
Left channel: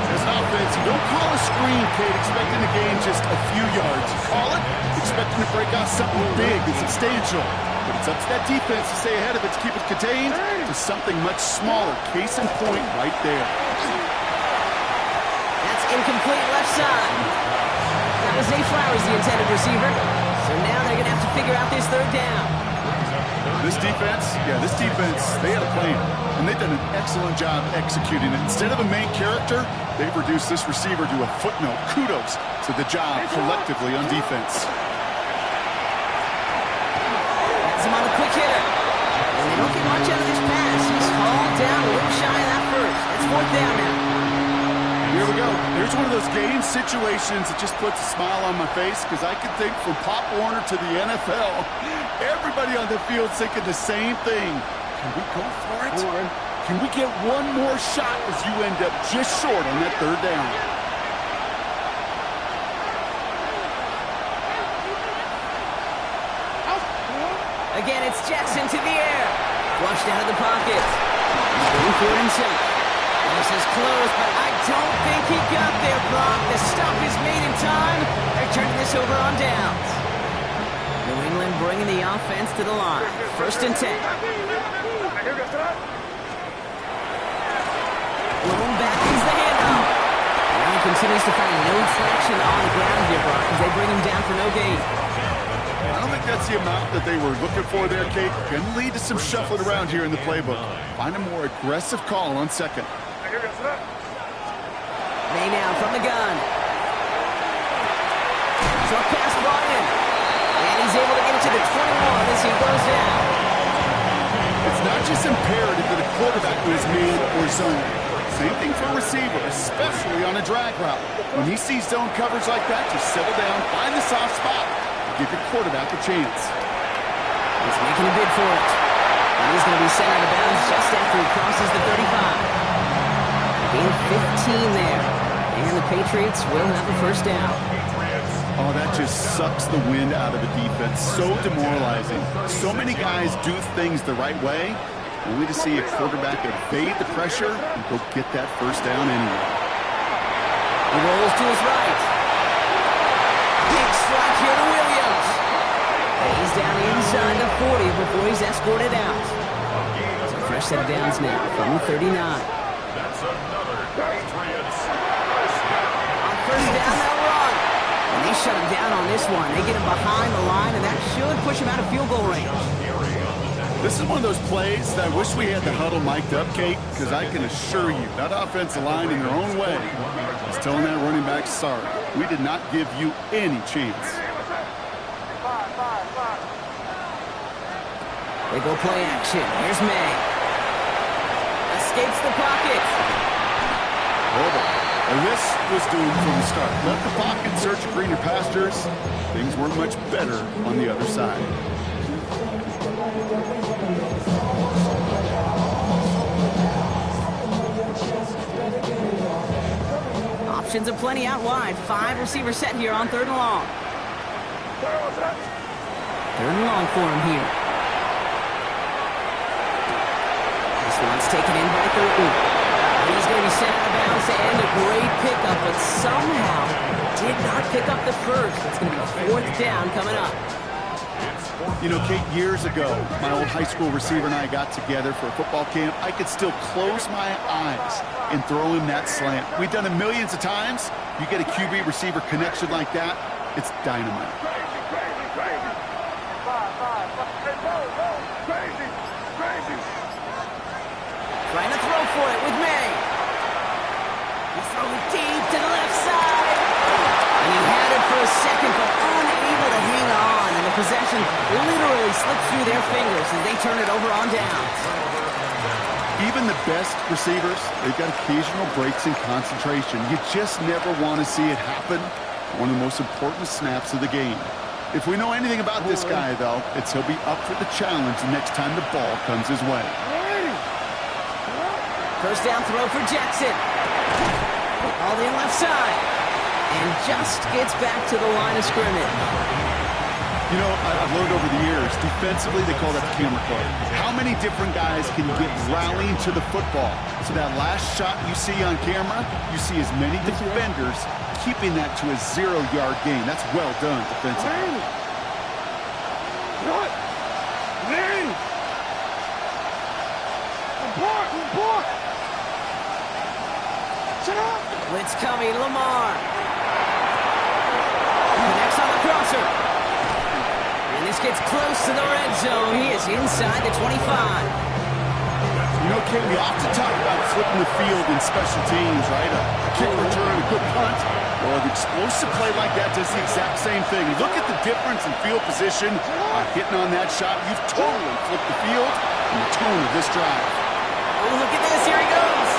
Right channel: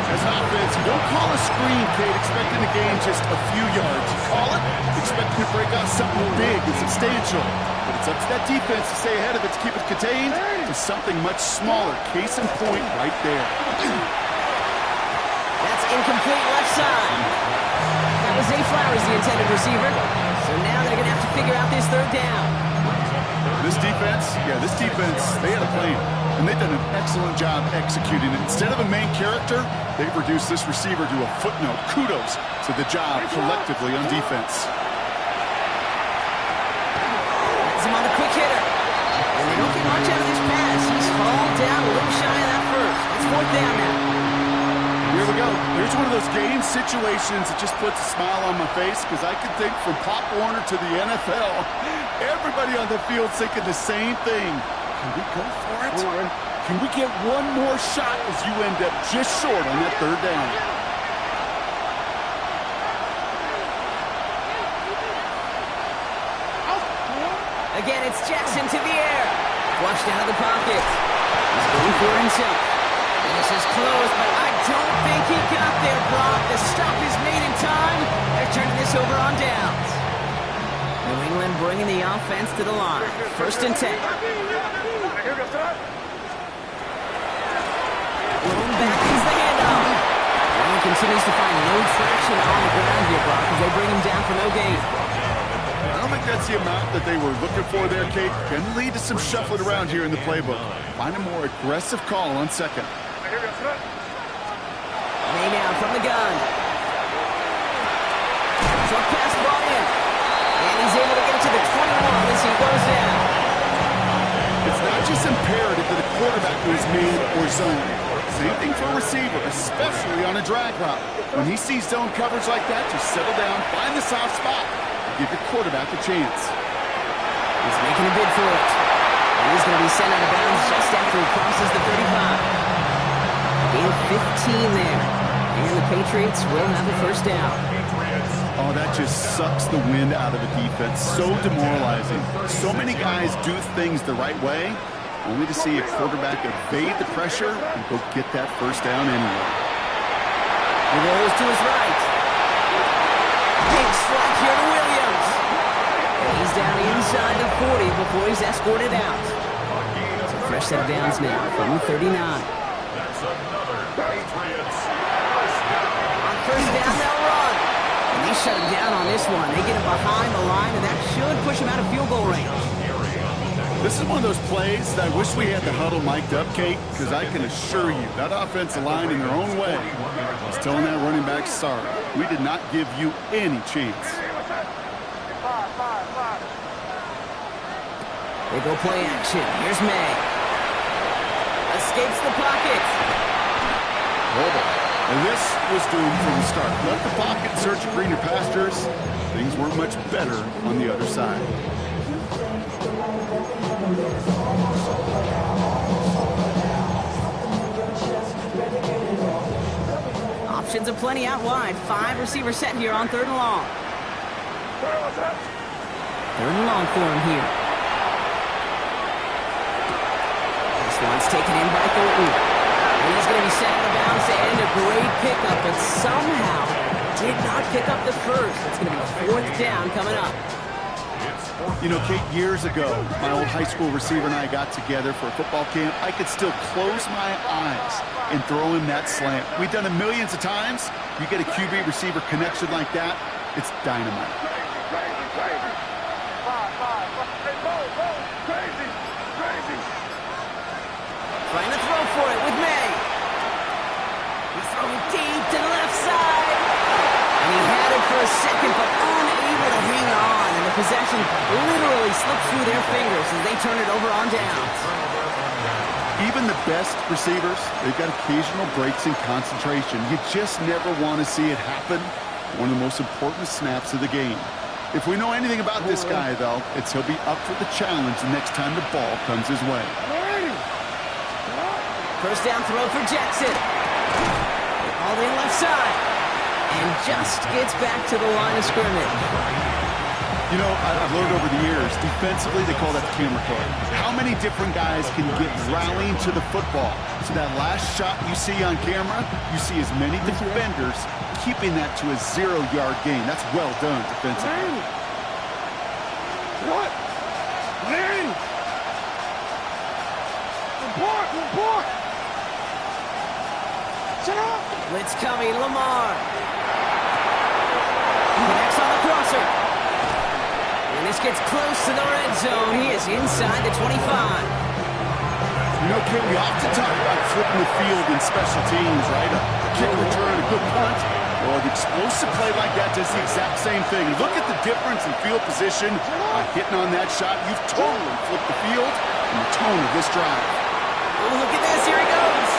As an offense, you don't call a screen, Kate, expecting to gain just a few yards. You call it expecting to break out something big and substantial. But it's up to that defense to stay ahead of it, to keep it contained to something much smaller. Case in point right there. That's incomplete left side. That was Zay Flowers, the intended receiver. So now they're going to have to figure out this third down. This defense, they had a plan, and they've done an excellent job executing it. Instead of a main character, they've reduced this receiver to a footnote. Kudos to the job collectively on defense. That's him on the quick hitter. And they don't get much out of this pass. He's hauled down a little shy of that first. It's 4th down now. Here we go. Here's one of those game situations that just puts a smile on my face because I can think from Pop Warner to the NFL, everybody on the field thinking the same thing. Can we go for it? Can we get one more shot as you end up just short on that 3rd down? Again, it's Jackson to the air. Flushed out of the pocket. He's going for it himself. This is close, but I don't think he got there, Brock. The stop is made in time. They're turning this over on downs. New England bringing the offense to the line. 1st and 10. Blown back is the handoff. And he continues to find no traction on the ground here, Brock, as they bring him down for no gain. I don't think that's the amount that they were looking for there, Kate. Can lead to some shuffling around here in the playbook. Find a more aggressive call on 2nd. May now from the gun. Short pass brought in. And he's able to get it to the 21 as he goes down. It's not just imperative that a quarterback knows man or zone. Same thing for a receiver, especially on a drag route. When he sees zone coverage like that, just settle down, find the soft spot, and give your quarterback a chance. He's making a bid for it. And he's going to be sent out of bounds just after he crosses the 35. Gain of 15 there. And the Patriots will have a 1st down. Oh, that just sucks the wind out of a defense. So demoralizing. So many guys do things the right way, only to see a quarterback evade the pressure and go get that 1st down anyway. He rolls to his right. Big strike here to Williams. And he's down inside the 40 before he's escorted out. So fresh set of downs now from the 39. That's another Patriots 1st down. On 1st down, they'll run. And they shut him down on this one. They get him behind the line, and that should push him out of field goal range. This is one of those plays that I wish we had the huddle mic'd up, Kate, because I can assure you that offensive line in their own way is telling that running back, sorry, we did not give you any chance. They go play action. Here's May. Escapes the pocket. And this was doomed from the start. Left the pocket in search of greener pastures. Things weren't much better on the other side. Options aplenty out wide. 5 receivers set here on 3rd and long. 3rd and long for him here. This one's taken in by Thornton. And he's going to be sent out of bounds to end a great pickup, but somehow did not pick up the first. It's going to be 4th down coming up. You know, Kate, years ago, my old high school receiver and I got together for a football camp. I could still close my eyes and throw him that slant. We've done it millions of times. You get a QB receiver connection like that, it's dynamite. Trying to throw for it with May. He's throwing deep to the left side. And he had it for a second, but unable to hang on. And the possession literally slipped through their fingers as they turn it over on downs. Even the best receivers, they've got occasional breaks in concentration. You just never want to see it happen. One of the most important snaps of the game. If we know anything about this guy, though, it's he'll be up for the challenge the next time the ball comes his way. 1st down throw for Jackson. All in left side. And just gets back to the line of scrimmage. You know, I've learned over the years, defensively, they call that the camera card. How many different guys can get rallying to the football? So that last shot you see on camera, you see as many defenders keeping that to a 0-yard gain. That's well done defensively. What? Larry! Report! Shut up! Blitz coming, Lamar. Connects on the crosser. And And this gets close to the red zone. He is inside the 25. You know, Kate, we often talk about flipping the field in special teams, right? A kick return, a good punt. Well, an explosive play like that does the exact same thing. Look at the difference in field position. Hitting on that shot, you've totally flipped the field and the tone of this drive. Oh, look at this. Here he goes.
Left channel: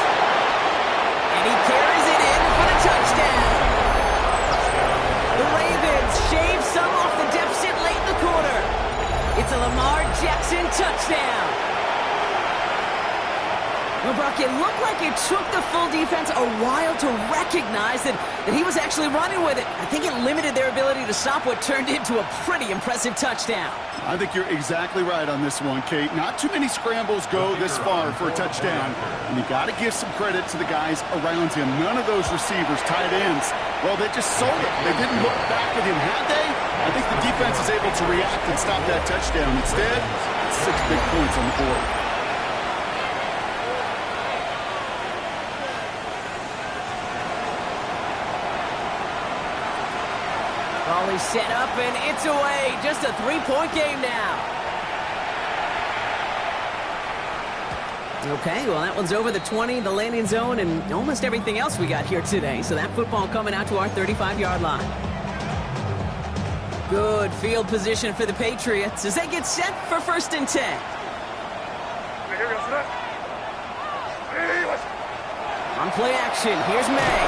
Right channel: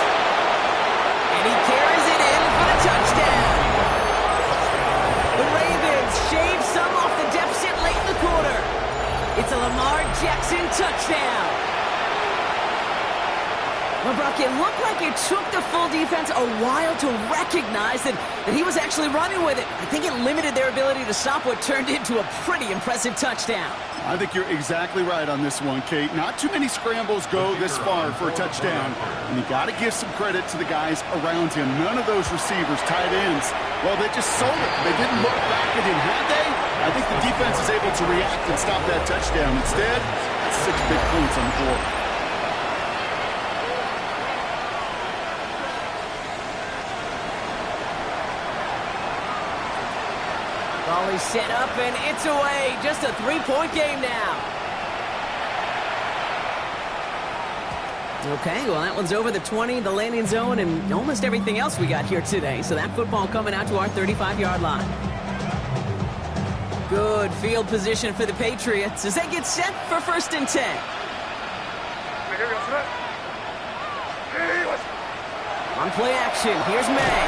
And he carries it in for the touchdown. The Ravens shave some off the deficit late in the quarter. It's a Lamar Jackson touchdown. Well, Brock, it looked like it took the full defense a while to recognize that he was actually running with it. I think it limited their ability to stop what turned into a pretty impressive touchdown. I think you're exactly right on this one, Kate. Not too many scrambles go this far for a touchdown, and you got to give some credit to the guys around him. None of those receivers, tight ends, well, they just sold it. They didn't look back at him, had they? I think the defense is able to react and stop that touchdown. Instead, that's 6 big points on the board. Ball is set up, and it's away. Just a 3-point game now. Okay, well, that one's over the 20, the landing zone, and almost everything else we got here today. So that football coming out to our 35-yard line. Good field position for the Patriots as they get set for 1st and 10. On play action, here's May.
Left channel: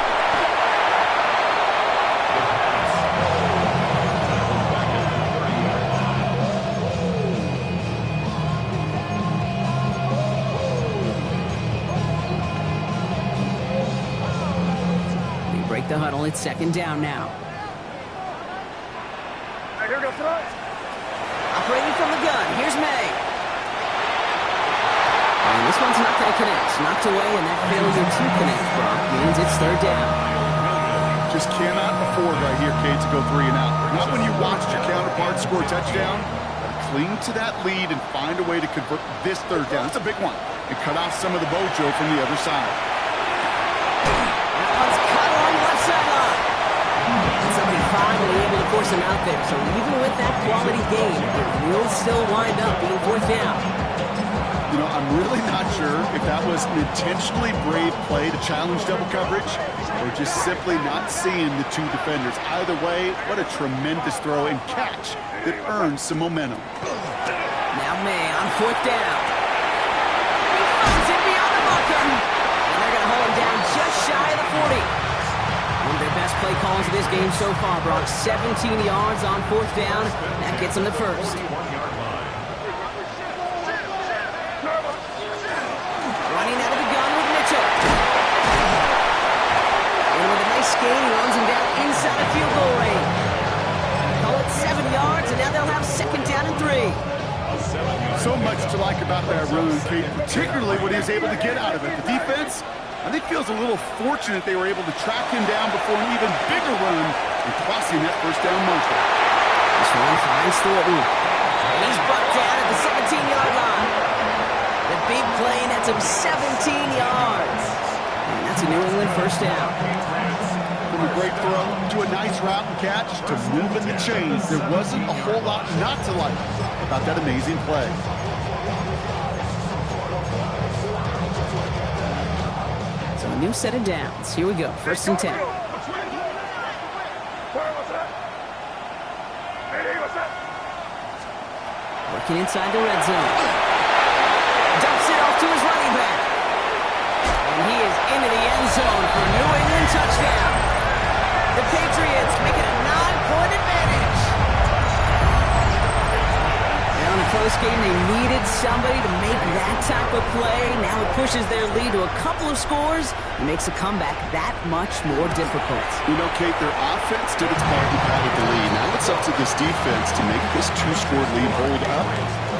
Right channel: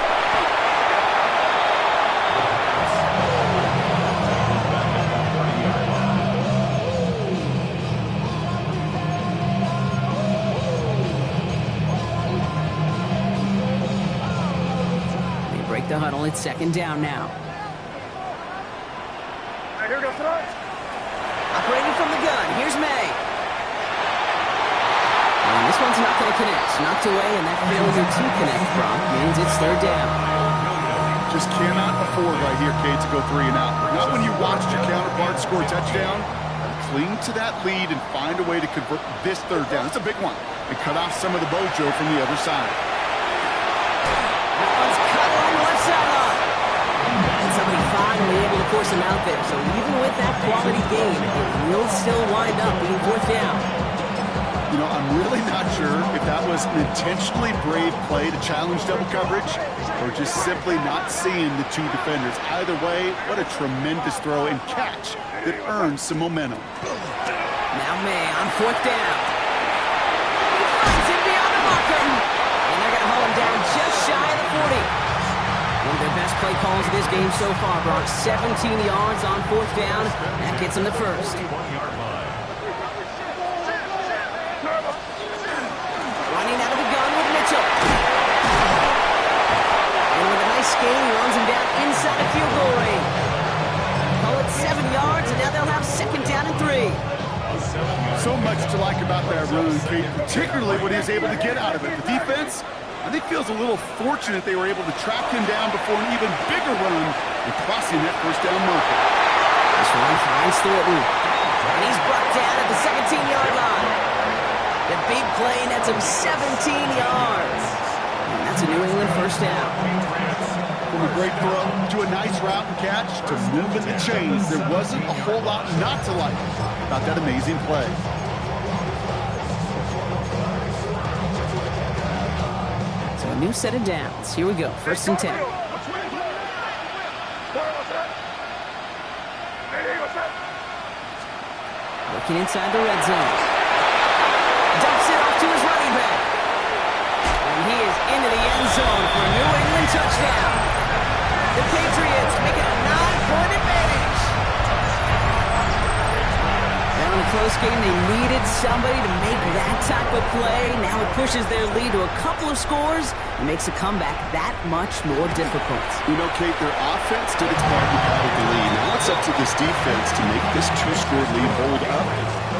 Break the huddle. It's 2nd down now. Operating from the gun. Here's May. And this one's not going to connect. Knocked away, and that failure to connect, Brock, means it's 3rd down. Just cannot afford right here, Kate, to go 3 and out. Not when you watched your counterpart score a touchdown. Cling to that lead and find a way to convert this 3rd down. It's a big one. And cut off some of the mojo from the other side. On the left sideline. And somebody finally able to force him out there. So even with that quality game, it will still wind up being 4th down. You know, I'm really not sure if that was an intentionally brave play to challenge double coverage or just simply not seeing the 2 defenders. Either way, what a tremendous throw and catch that earns some momentum. Now May on 4th down. He finds him beyond the marker. And they're going to haul him down just shy of the 40. One of their best play calls of this game so far, Brock. 17 yards on 4th down. That gets them the 1st. Running out of the gun with Mitchell. And with a nice gain, he runs him down inside of field goal range. Call it 7 yards, and now they'll have 2nd down and 3. So much to like about that run, Kate, particularly what he was able to get out of it. The defense, I think, feels a little fortunate they were able to track him down before an even bigger run and crossing that 1st down marker. This one finds Thornton. And he's brought down at the 17-yard line. The big play, and that's him 17 yards. And that's a New England 1st down. From a great throw to a nice route and catch to moving the chains, there wasn't a whole lot not to like about that amazing play. So a new set of downs. Here we go. 1st and 10. Working inside the red zone. Dumps it off to his running back. And he is into the end zone for a New England touchdown. The Patriots make it a 9-point advantage. Now in a close game, they needed somebody to make that type of play. Now it pushes their lead to a couple of scores and makes a comeback that much more difficult. You know, Kate, their offense did its part and padded the lead. Now it's up to this defense to make this 2-score lead hold up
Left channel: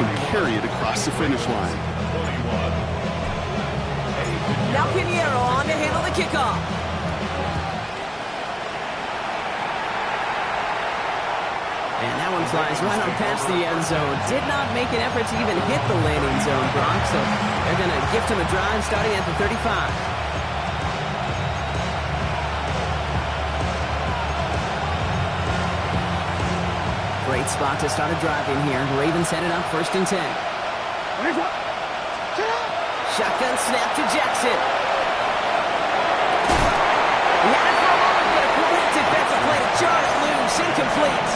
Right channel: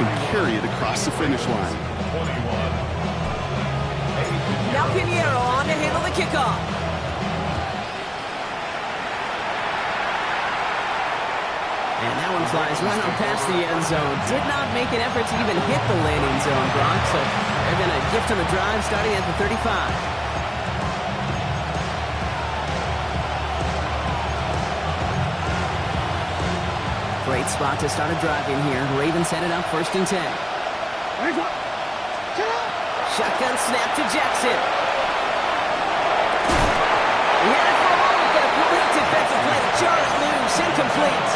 and carry it across the finish line. Now Pinheiro on to handle the kickoff. And that one flies right on past the end zone. Did not make an effort to even hit the landing zone, Brock. So they're going to gift him a drive starting at the 35. Great spot to start a drive in here. Ravens headed up 1st and 10. Shotgun snap to Jackson. He had it for a moment, but a great defensive play to jar it loose. Incomplete.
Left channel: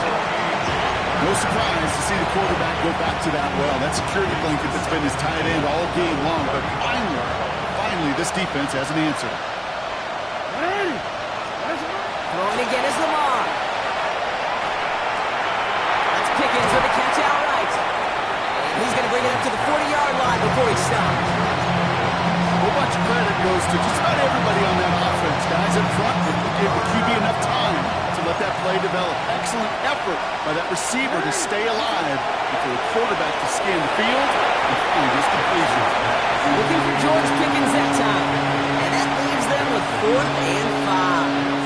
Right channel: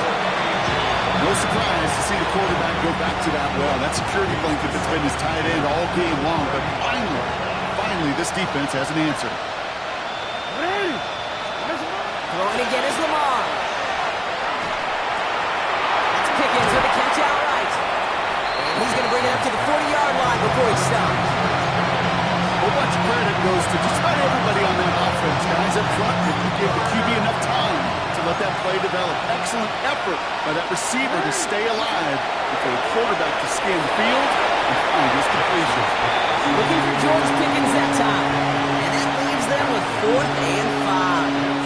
No surprise to see the quarterback go back to that well. That security blanket that's been his tight end all game long. But finally, this defense has an answer. Throwing again is Lamar. That's Pickens with a catch outright. And he's going to bring it up to the 40-yard line before he stops. Well, much credit goes to just about everybody on that offense. Guys up front, they gave the QB enough time to let that play develop. Excellent effort by that receiver to stay alive and for the quarterback to scan the field and find his completion. Looking for George Pickens that time. And that leaves them with 4th and 5.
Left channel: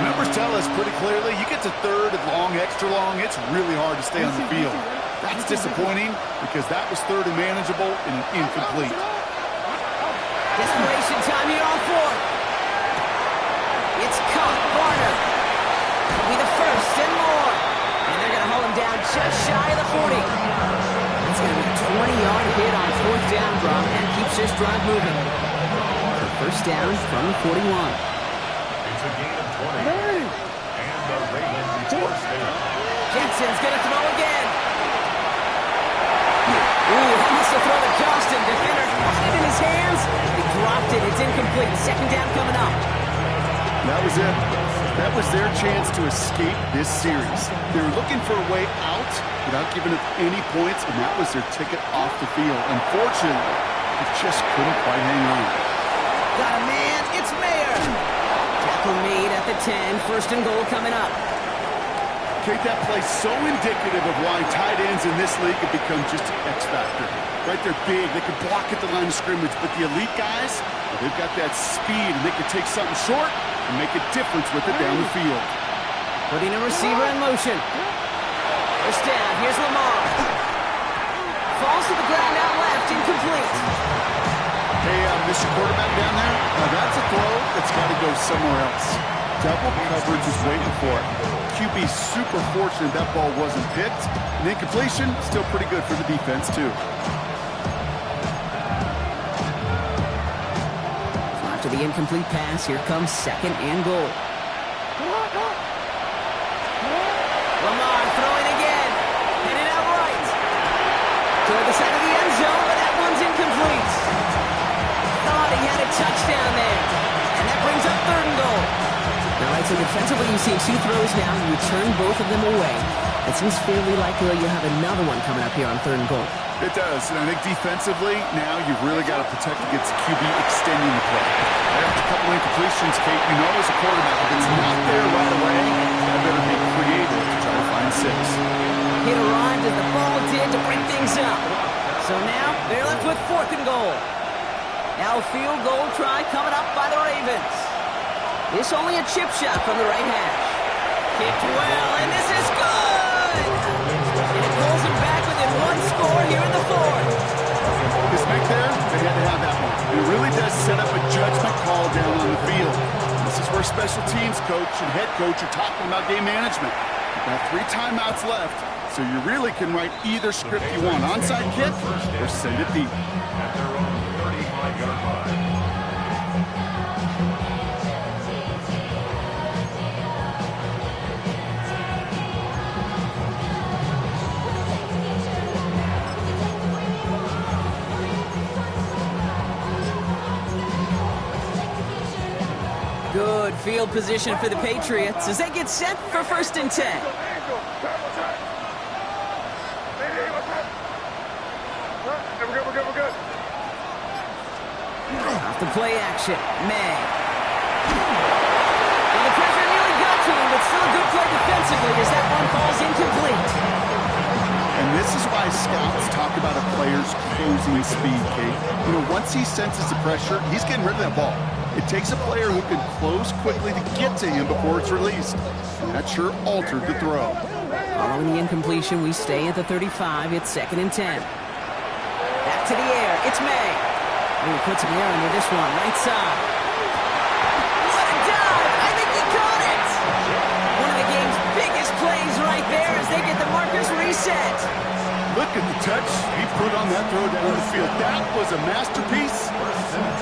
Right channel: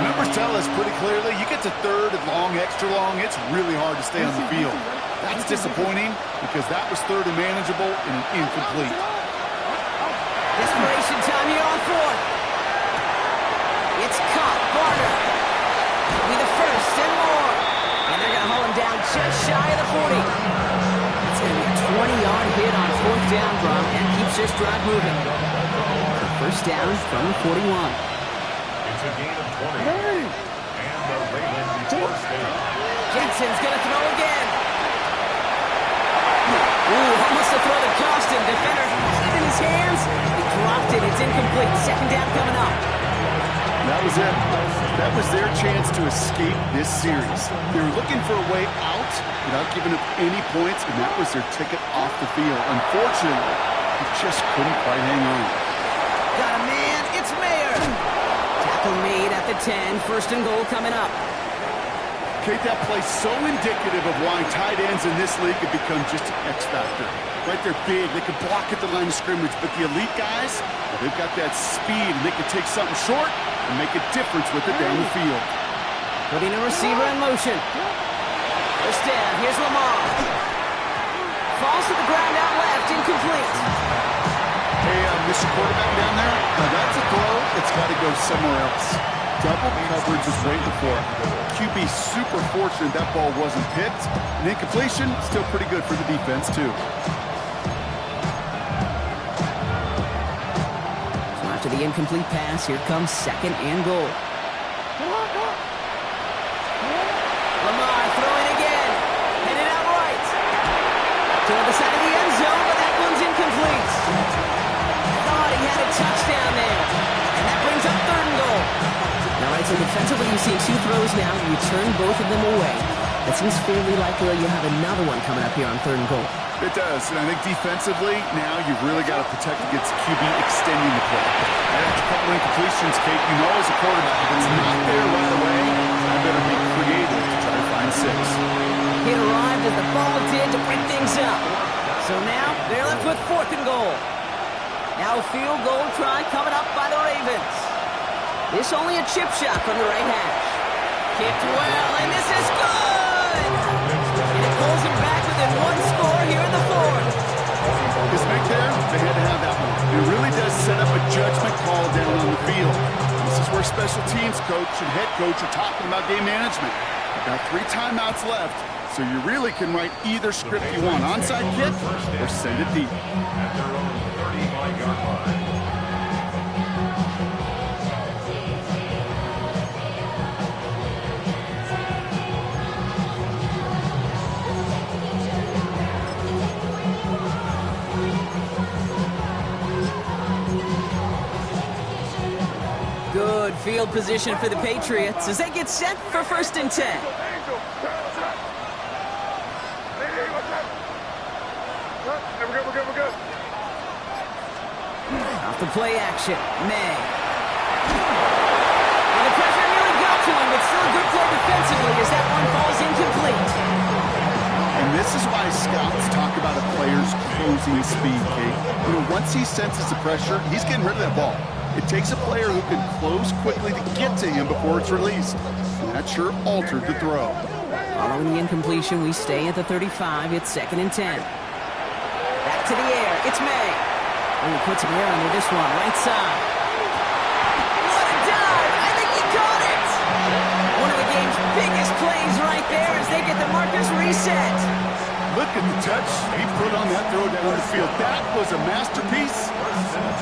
The numbers tell us pretty clearly, you get to 3rd and long, extra long, it's really hard to stay on the field. That's disappointing because that was 3rd and manageable and an incomplete. Desperation time here on 4th. It's caught. Varner. That'll be the 1st and more. And they're going to haul him down just shy of the 40. That's going to be a 20-yard hit on 4th down, Brock, and keeps this drive moving. The 1st down from the 41. It's a gain of 20. And the Ravens force down. Jackson's going to throw again. Ooh, almost a throw that cost him. Defender had it in his hands. He dropped it. It's incomplete. 2nd down coming up. That was it. That was their chance to escape this series. They were looking for a way out without giving up any points, and that was their ticket off the field. Unfortunately, they just couldn't quite hang on. Got a man. It's Mayer. Tackle made at the 10. 1st and goal coming up. Kate, that play so indicative of why tight ends in this league have become just an X factor. Right, they're big, they can block at the line of scrimmage, but the elite guys, well, they've got that speed, and they can take something short and make a difference with it down the field. Putting a receiver in motion. 1st down, here's Lamar. Falls to the ground out left, incomplete. Hey, Mr. Quarterback down there, that's a throw that's got to go somewhere else. Double coverage was waiting for it. QB super fortunate that ball wasn't picked. And incompletion, still pretty good for the defense, too. So after the incomplete pass, here comes 2nd and goal. Lamar throwing again. Headed out right. Toward the side of the end zone, but that one's incomplete. Thought he had a touchdown there. And that brings up 3rd and goal. All right, so defensively, you see 2 throws now. You return both of them away. It seems fairly likely you have another one coming up here on 3rd and goal. It does, and I think defensively, now you've really got to protect against QB extending the play. Right after a couple incompletions, Kate, you know as a quarterback, if it's not there right away, I better be creative to try to find 6. It arrived as the ball did to break things up. So now, they're left with 4th and goal. Now a field goal try coming up by the Ravens. This only a chip shot from the right hash. Kicked well, and this is good! And it pulls him back within 1 score here in the 4th. This make there, they had to have that one. It really does set up a judgment call down on the field. This is where special teams coach and head coach are talking about game management. You've got 3 timeouts left, so you really can write either script you want. Onside kick or send it deep. At their own 35-yard line. Good field position for the Patriots as they get set for 1st and 10. We're good. Off the play action, May. And the pressure nearly got to him, but still a good play defensively as that one falls incomplete. And this is why scouts talk about a player's closing speed, Kate. You know, once he senses the pressure, he's getting rid of that ball. It takes a player who can close quickly to get to him before it's released. And that sure altered the throw. Following the incompletion, we stay at the 35. It's 2nd and 10. Back to the air. It's May. And he puts him there under this one, right side. What a dive! I think he caught it! One of the game's biggest plays right there as they get the markers reset. Look at the touch he put on that throw down the field. That was a masterpiece.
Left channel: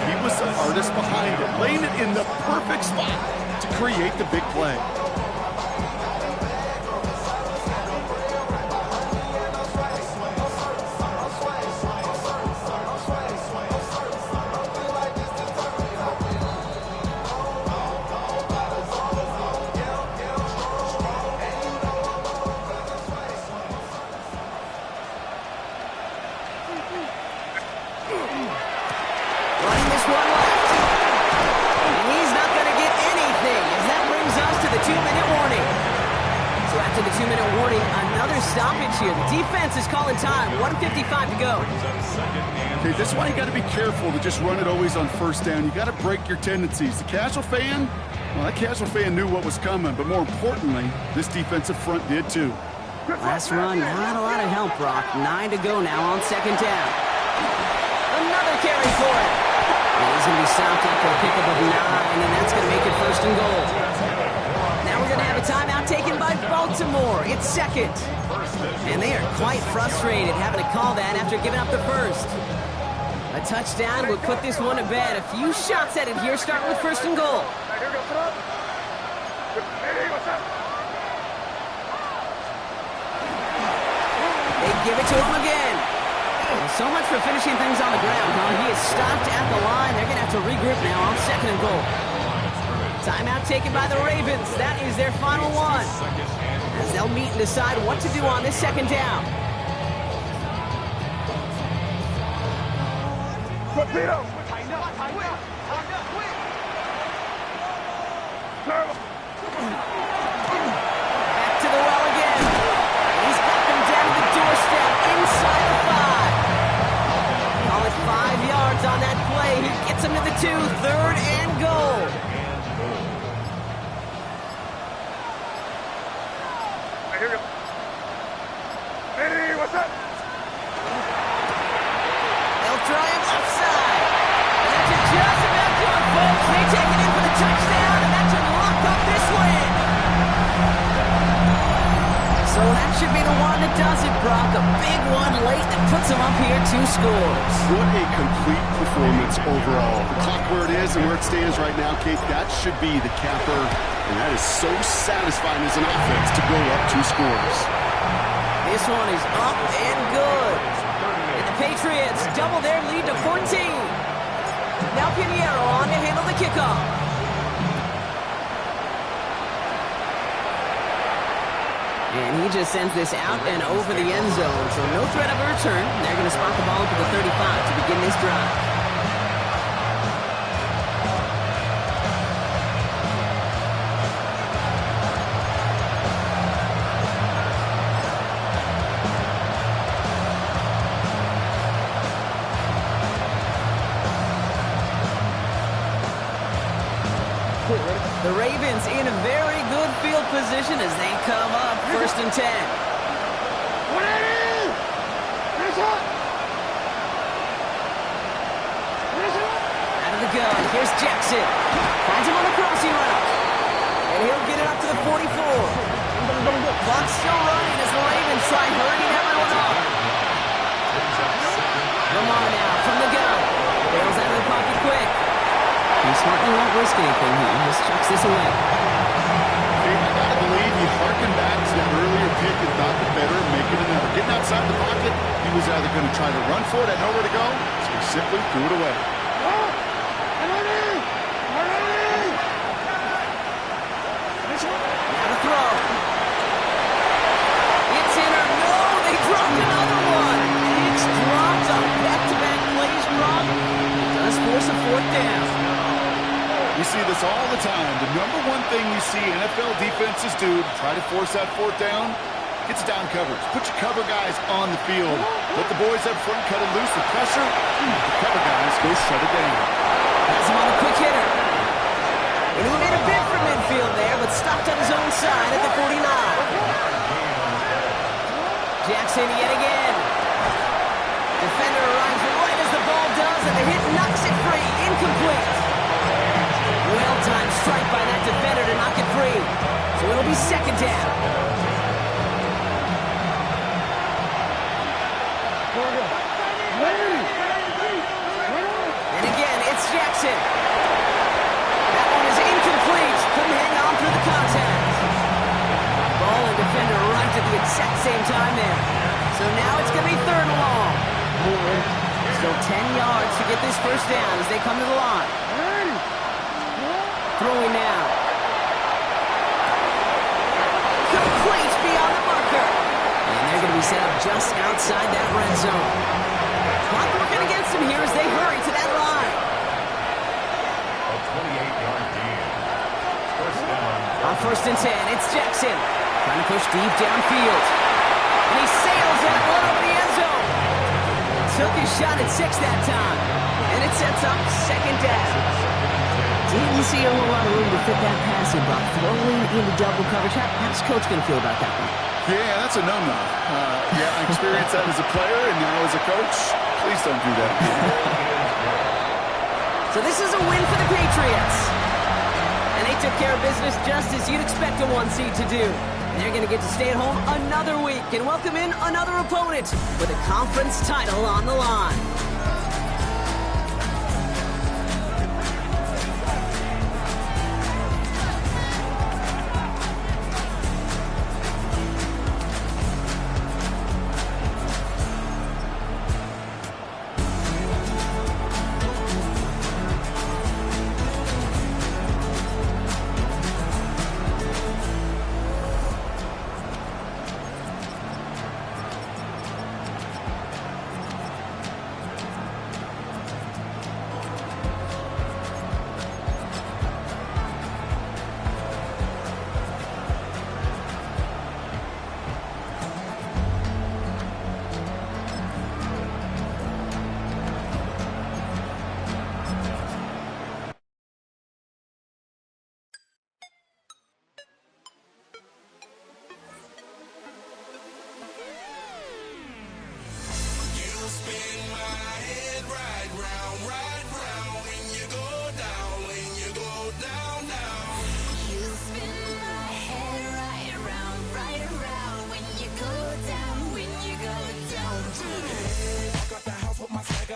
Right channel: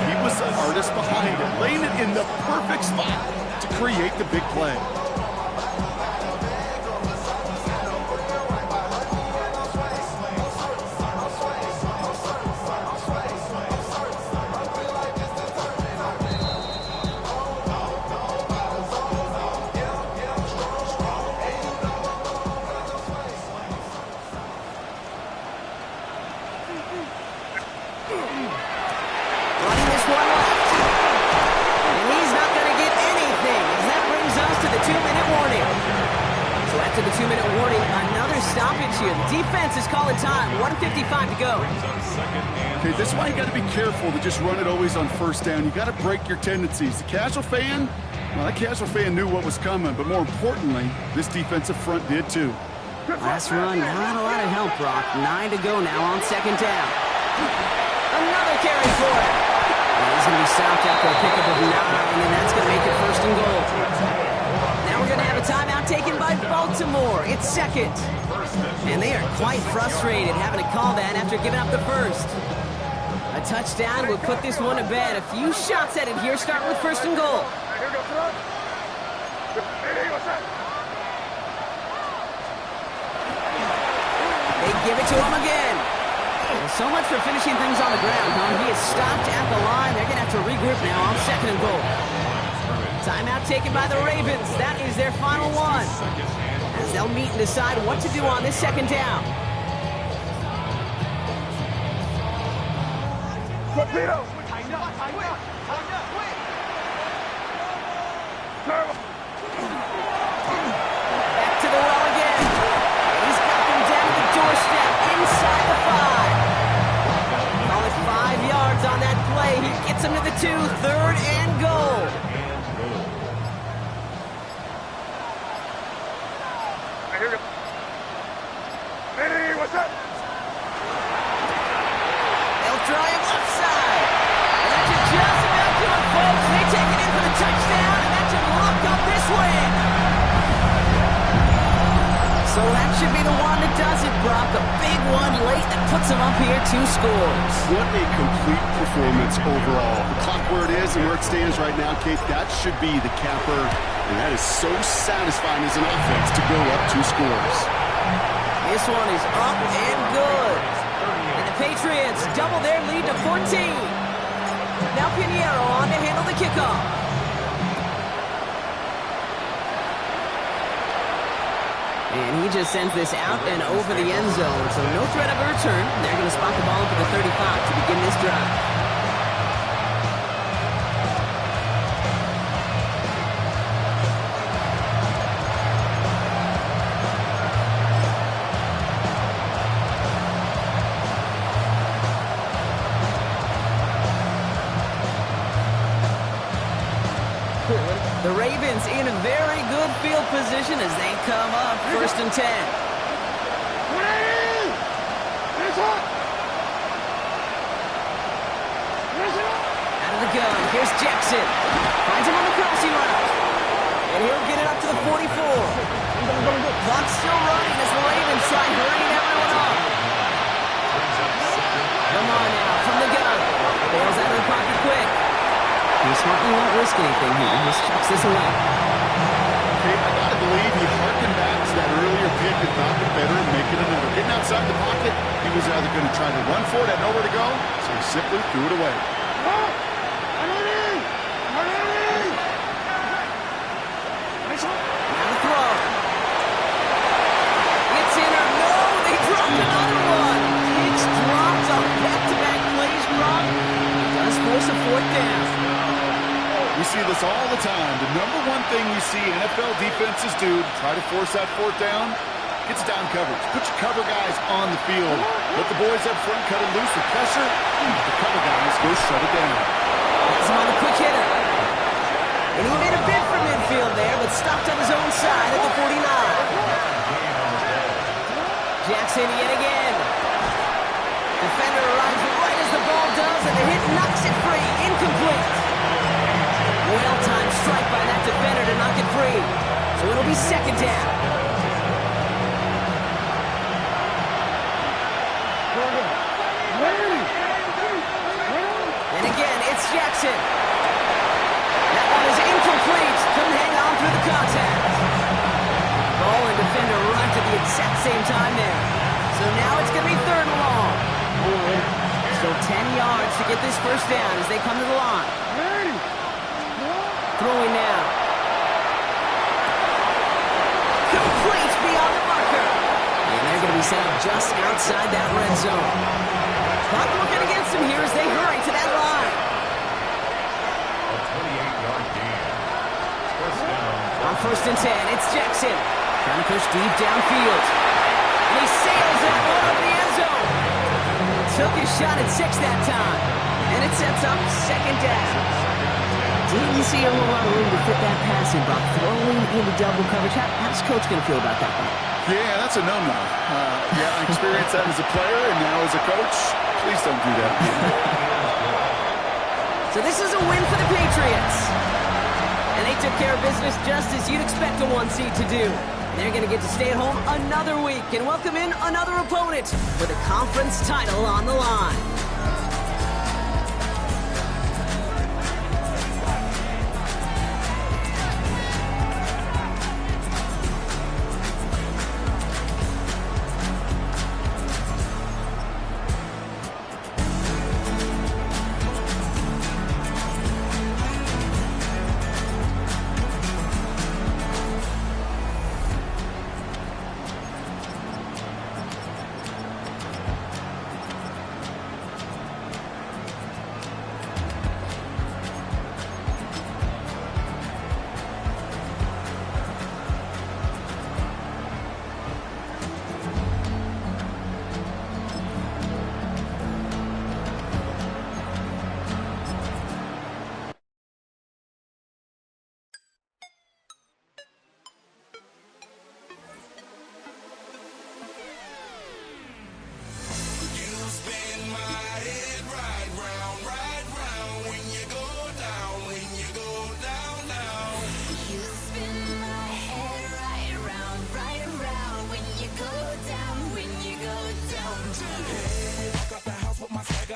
He was the artist behind it, laying it in the perfect spot to create the big play. Running this one left. And he's not going to get anything, as that brings us to the 2-minute warning. So after the 2-minute warning, another stoppage here. The defense is calling time. 1:55 to go. Okay, this is why you got to be careful to just run it always on first down. You got to break your tendencies. The casual fan, well, that casual fan knew what was coming, but more importantly, this defensive front did too. Last run, not a lot of help, Brock. 9 to go now on second down. Another carry for him. And he's going to be stopped after a pickup of 9, and that's going to make it first and goal. Now we're going to have a timeout taken by Baltimore. It's second. And they are quite frustrated having to call that after giving up the first. A touchdown would put this one to bed. A few shots at it here, starting with first and goal. They give it to him again. Well, so much for finishing things on the ground, huh? He is stopped at the line. They're going to have to regroup now on second and goal. Timeout taken by the Ravens. That is their final one, as they'll meet and decide what to do on this second down. Back to the well again. He's got them down the doorstep inside the 5. Call it 5 yards on that play. He gets him to the 2, third and goal. Here we go. Hey, what's up? They'll try him left side. And that should just about do it, folks. They take it in for the touchdown, and that should lock up this win. So that should be the one that does it, Brock. A big one late that puts them up here 2 scores. What a complete performance overall. The clock where it is and where it stands right now, Kate, that should be the capper. And that is so satisfying as an offense to go up 2 scores. This one is up and good. And the Patriots double their lead to 14. Now Pinheiro on to handle the kickoff. And he just sends this out and over the end zone. So no threat of a return. They're going to spot the ball up at the 35 to begin this drive. The Ravens in a very good field position as they come up first and 10. Out of the gun, here's Jackson. Finds him on the crossing route. And he'll get it up to the 44. Clock's still running as the Ravens try hurrying everyone up. Lamar now from the gun. Bails out of the pocket quick. He smartly won't risk anything here. He just chucks this away. Dave, I gotta believe he harkened back to that earlier pick and thought the better of making another. Getting outside the pocket, he was either going to try to run for it, had nowhere to go, so he simply threw it away. Now to throw. It's in or no, they dropped another one. It's dropped on back-to-back plays, Brock. Does force a 4th down. We see this all the time. The number one thing you see NFL defenses do to try to force that 4th down, it's down coverage. Put your cover guys on the field. Let the boys up front cut it loose with pressure. The cover guys go shut it down. Has him on a quick hitter. And he made a bid for midfield there, but stopped on his own side at the 49. Jackson yet again. Defender arrives right as the ball does, and the hit knocks it free. Incomplete. Well-timed strike by that defender to knock it free. So it'll be second down. Jackson. That one is incomplete. Couldn't hang on through the contact. Ball and defender arrived at the exact same time there. So now it's going to be third and long. Still 10 yards to get this first down as they come to the line. Throwing now. Complete beyond the marker. And they're going to be set up just outside that red zone. Clock working against them here as they hurry to that line. A 28-yard gain. First down. On 1st and 10, it's Jackson. Trying to push deep downfield. And he sails that one over the end zone. Took his shot at 6 that time. And it sets up second down. Didn't see a whole lot of room to fit that pass in, Brock. Throwing into double coverage. How's Coach going to feel about that one? Yeah, that's a no-no. I experienced that as a player and now as a coach. Please don't do that again. So this is a win for the Patriots. And they took care of business just as you'd expect a 1 seed to do. They're going to get to stay at home another week and welcome in another opponent with a conference title on the line.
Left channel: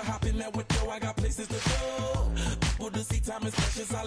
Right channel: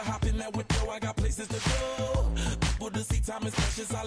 Hop in that window, I got places to go. People to see, time is precious. I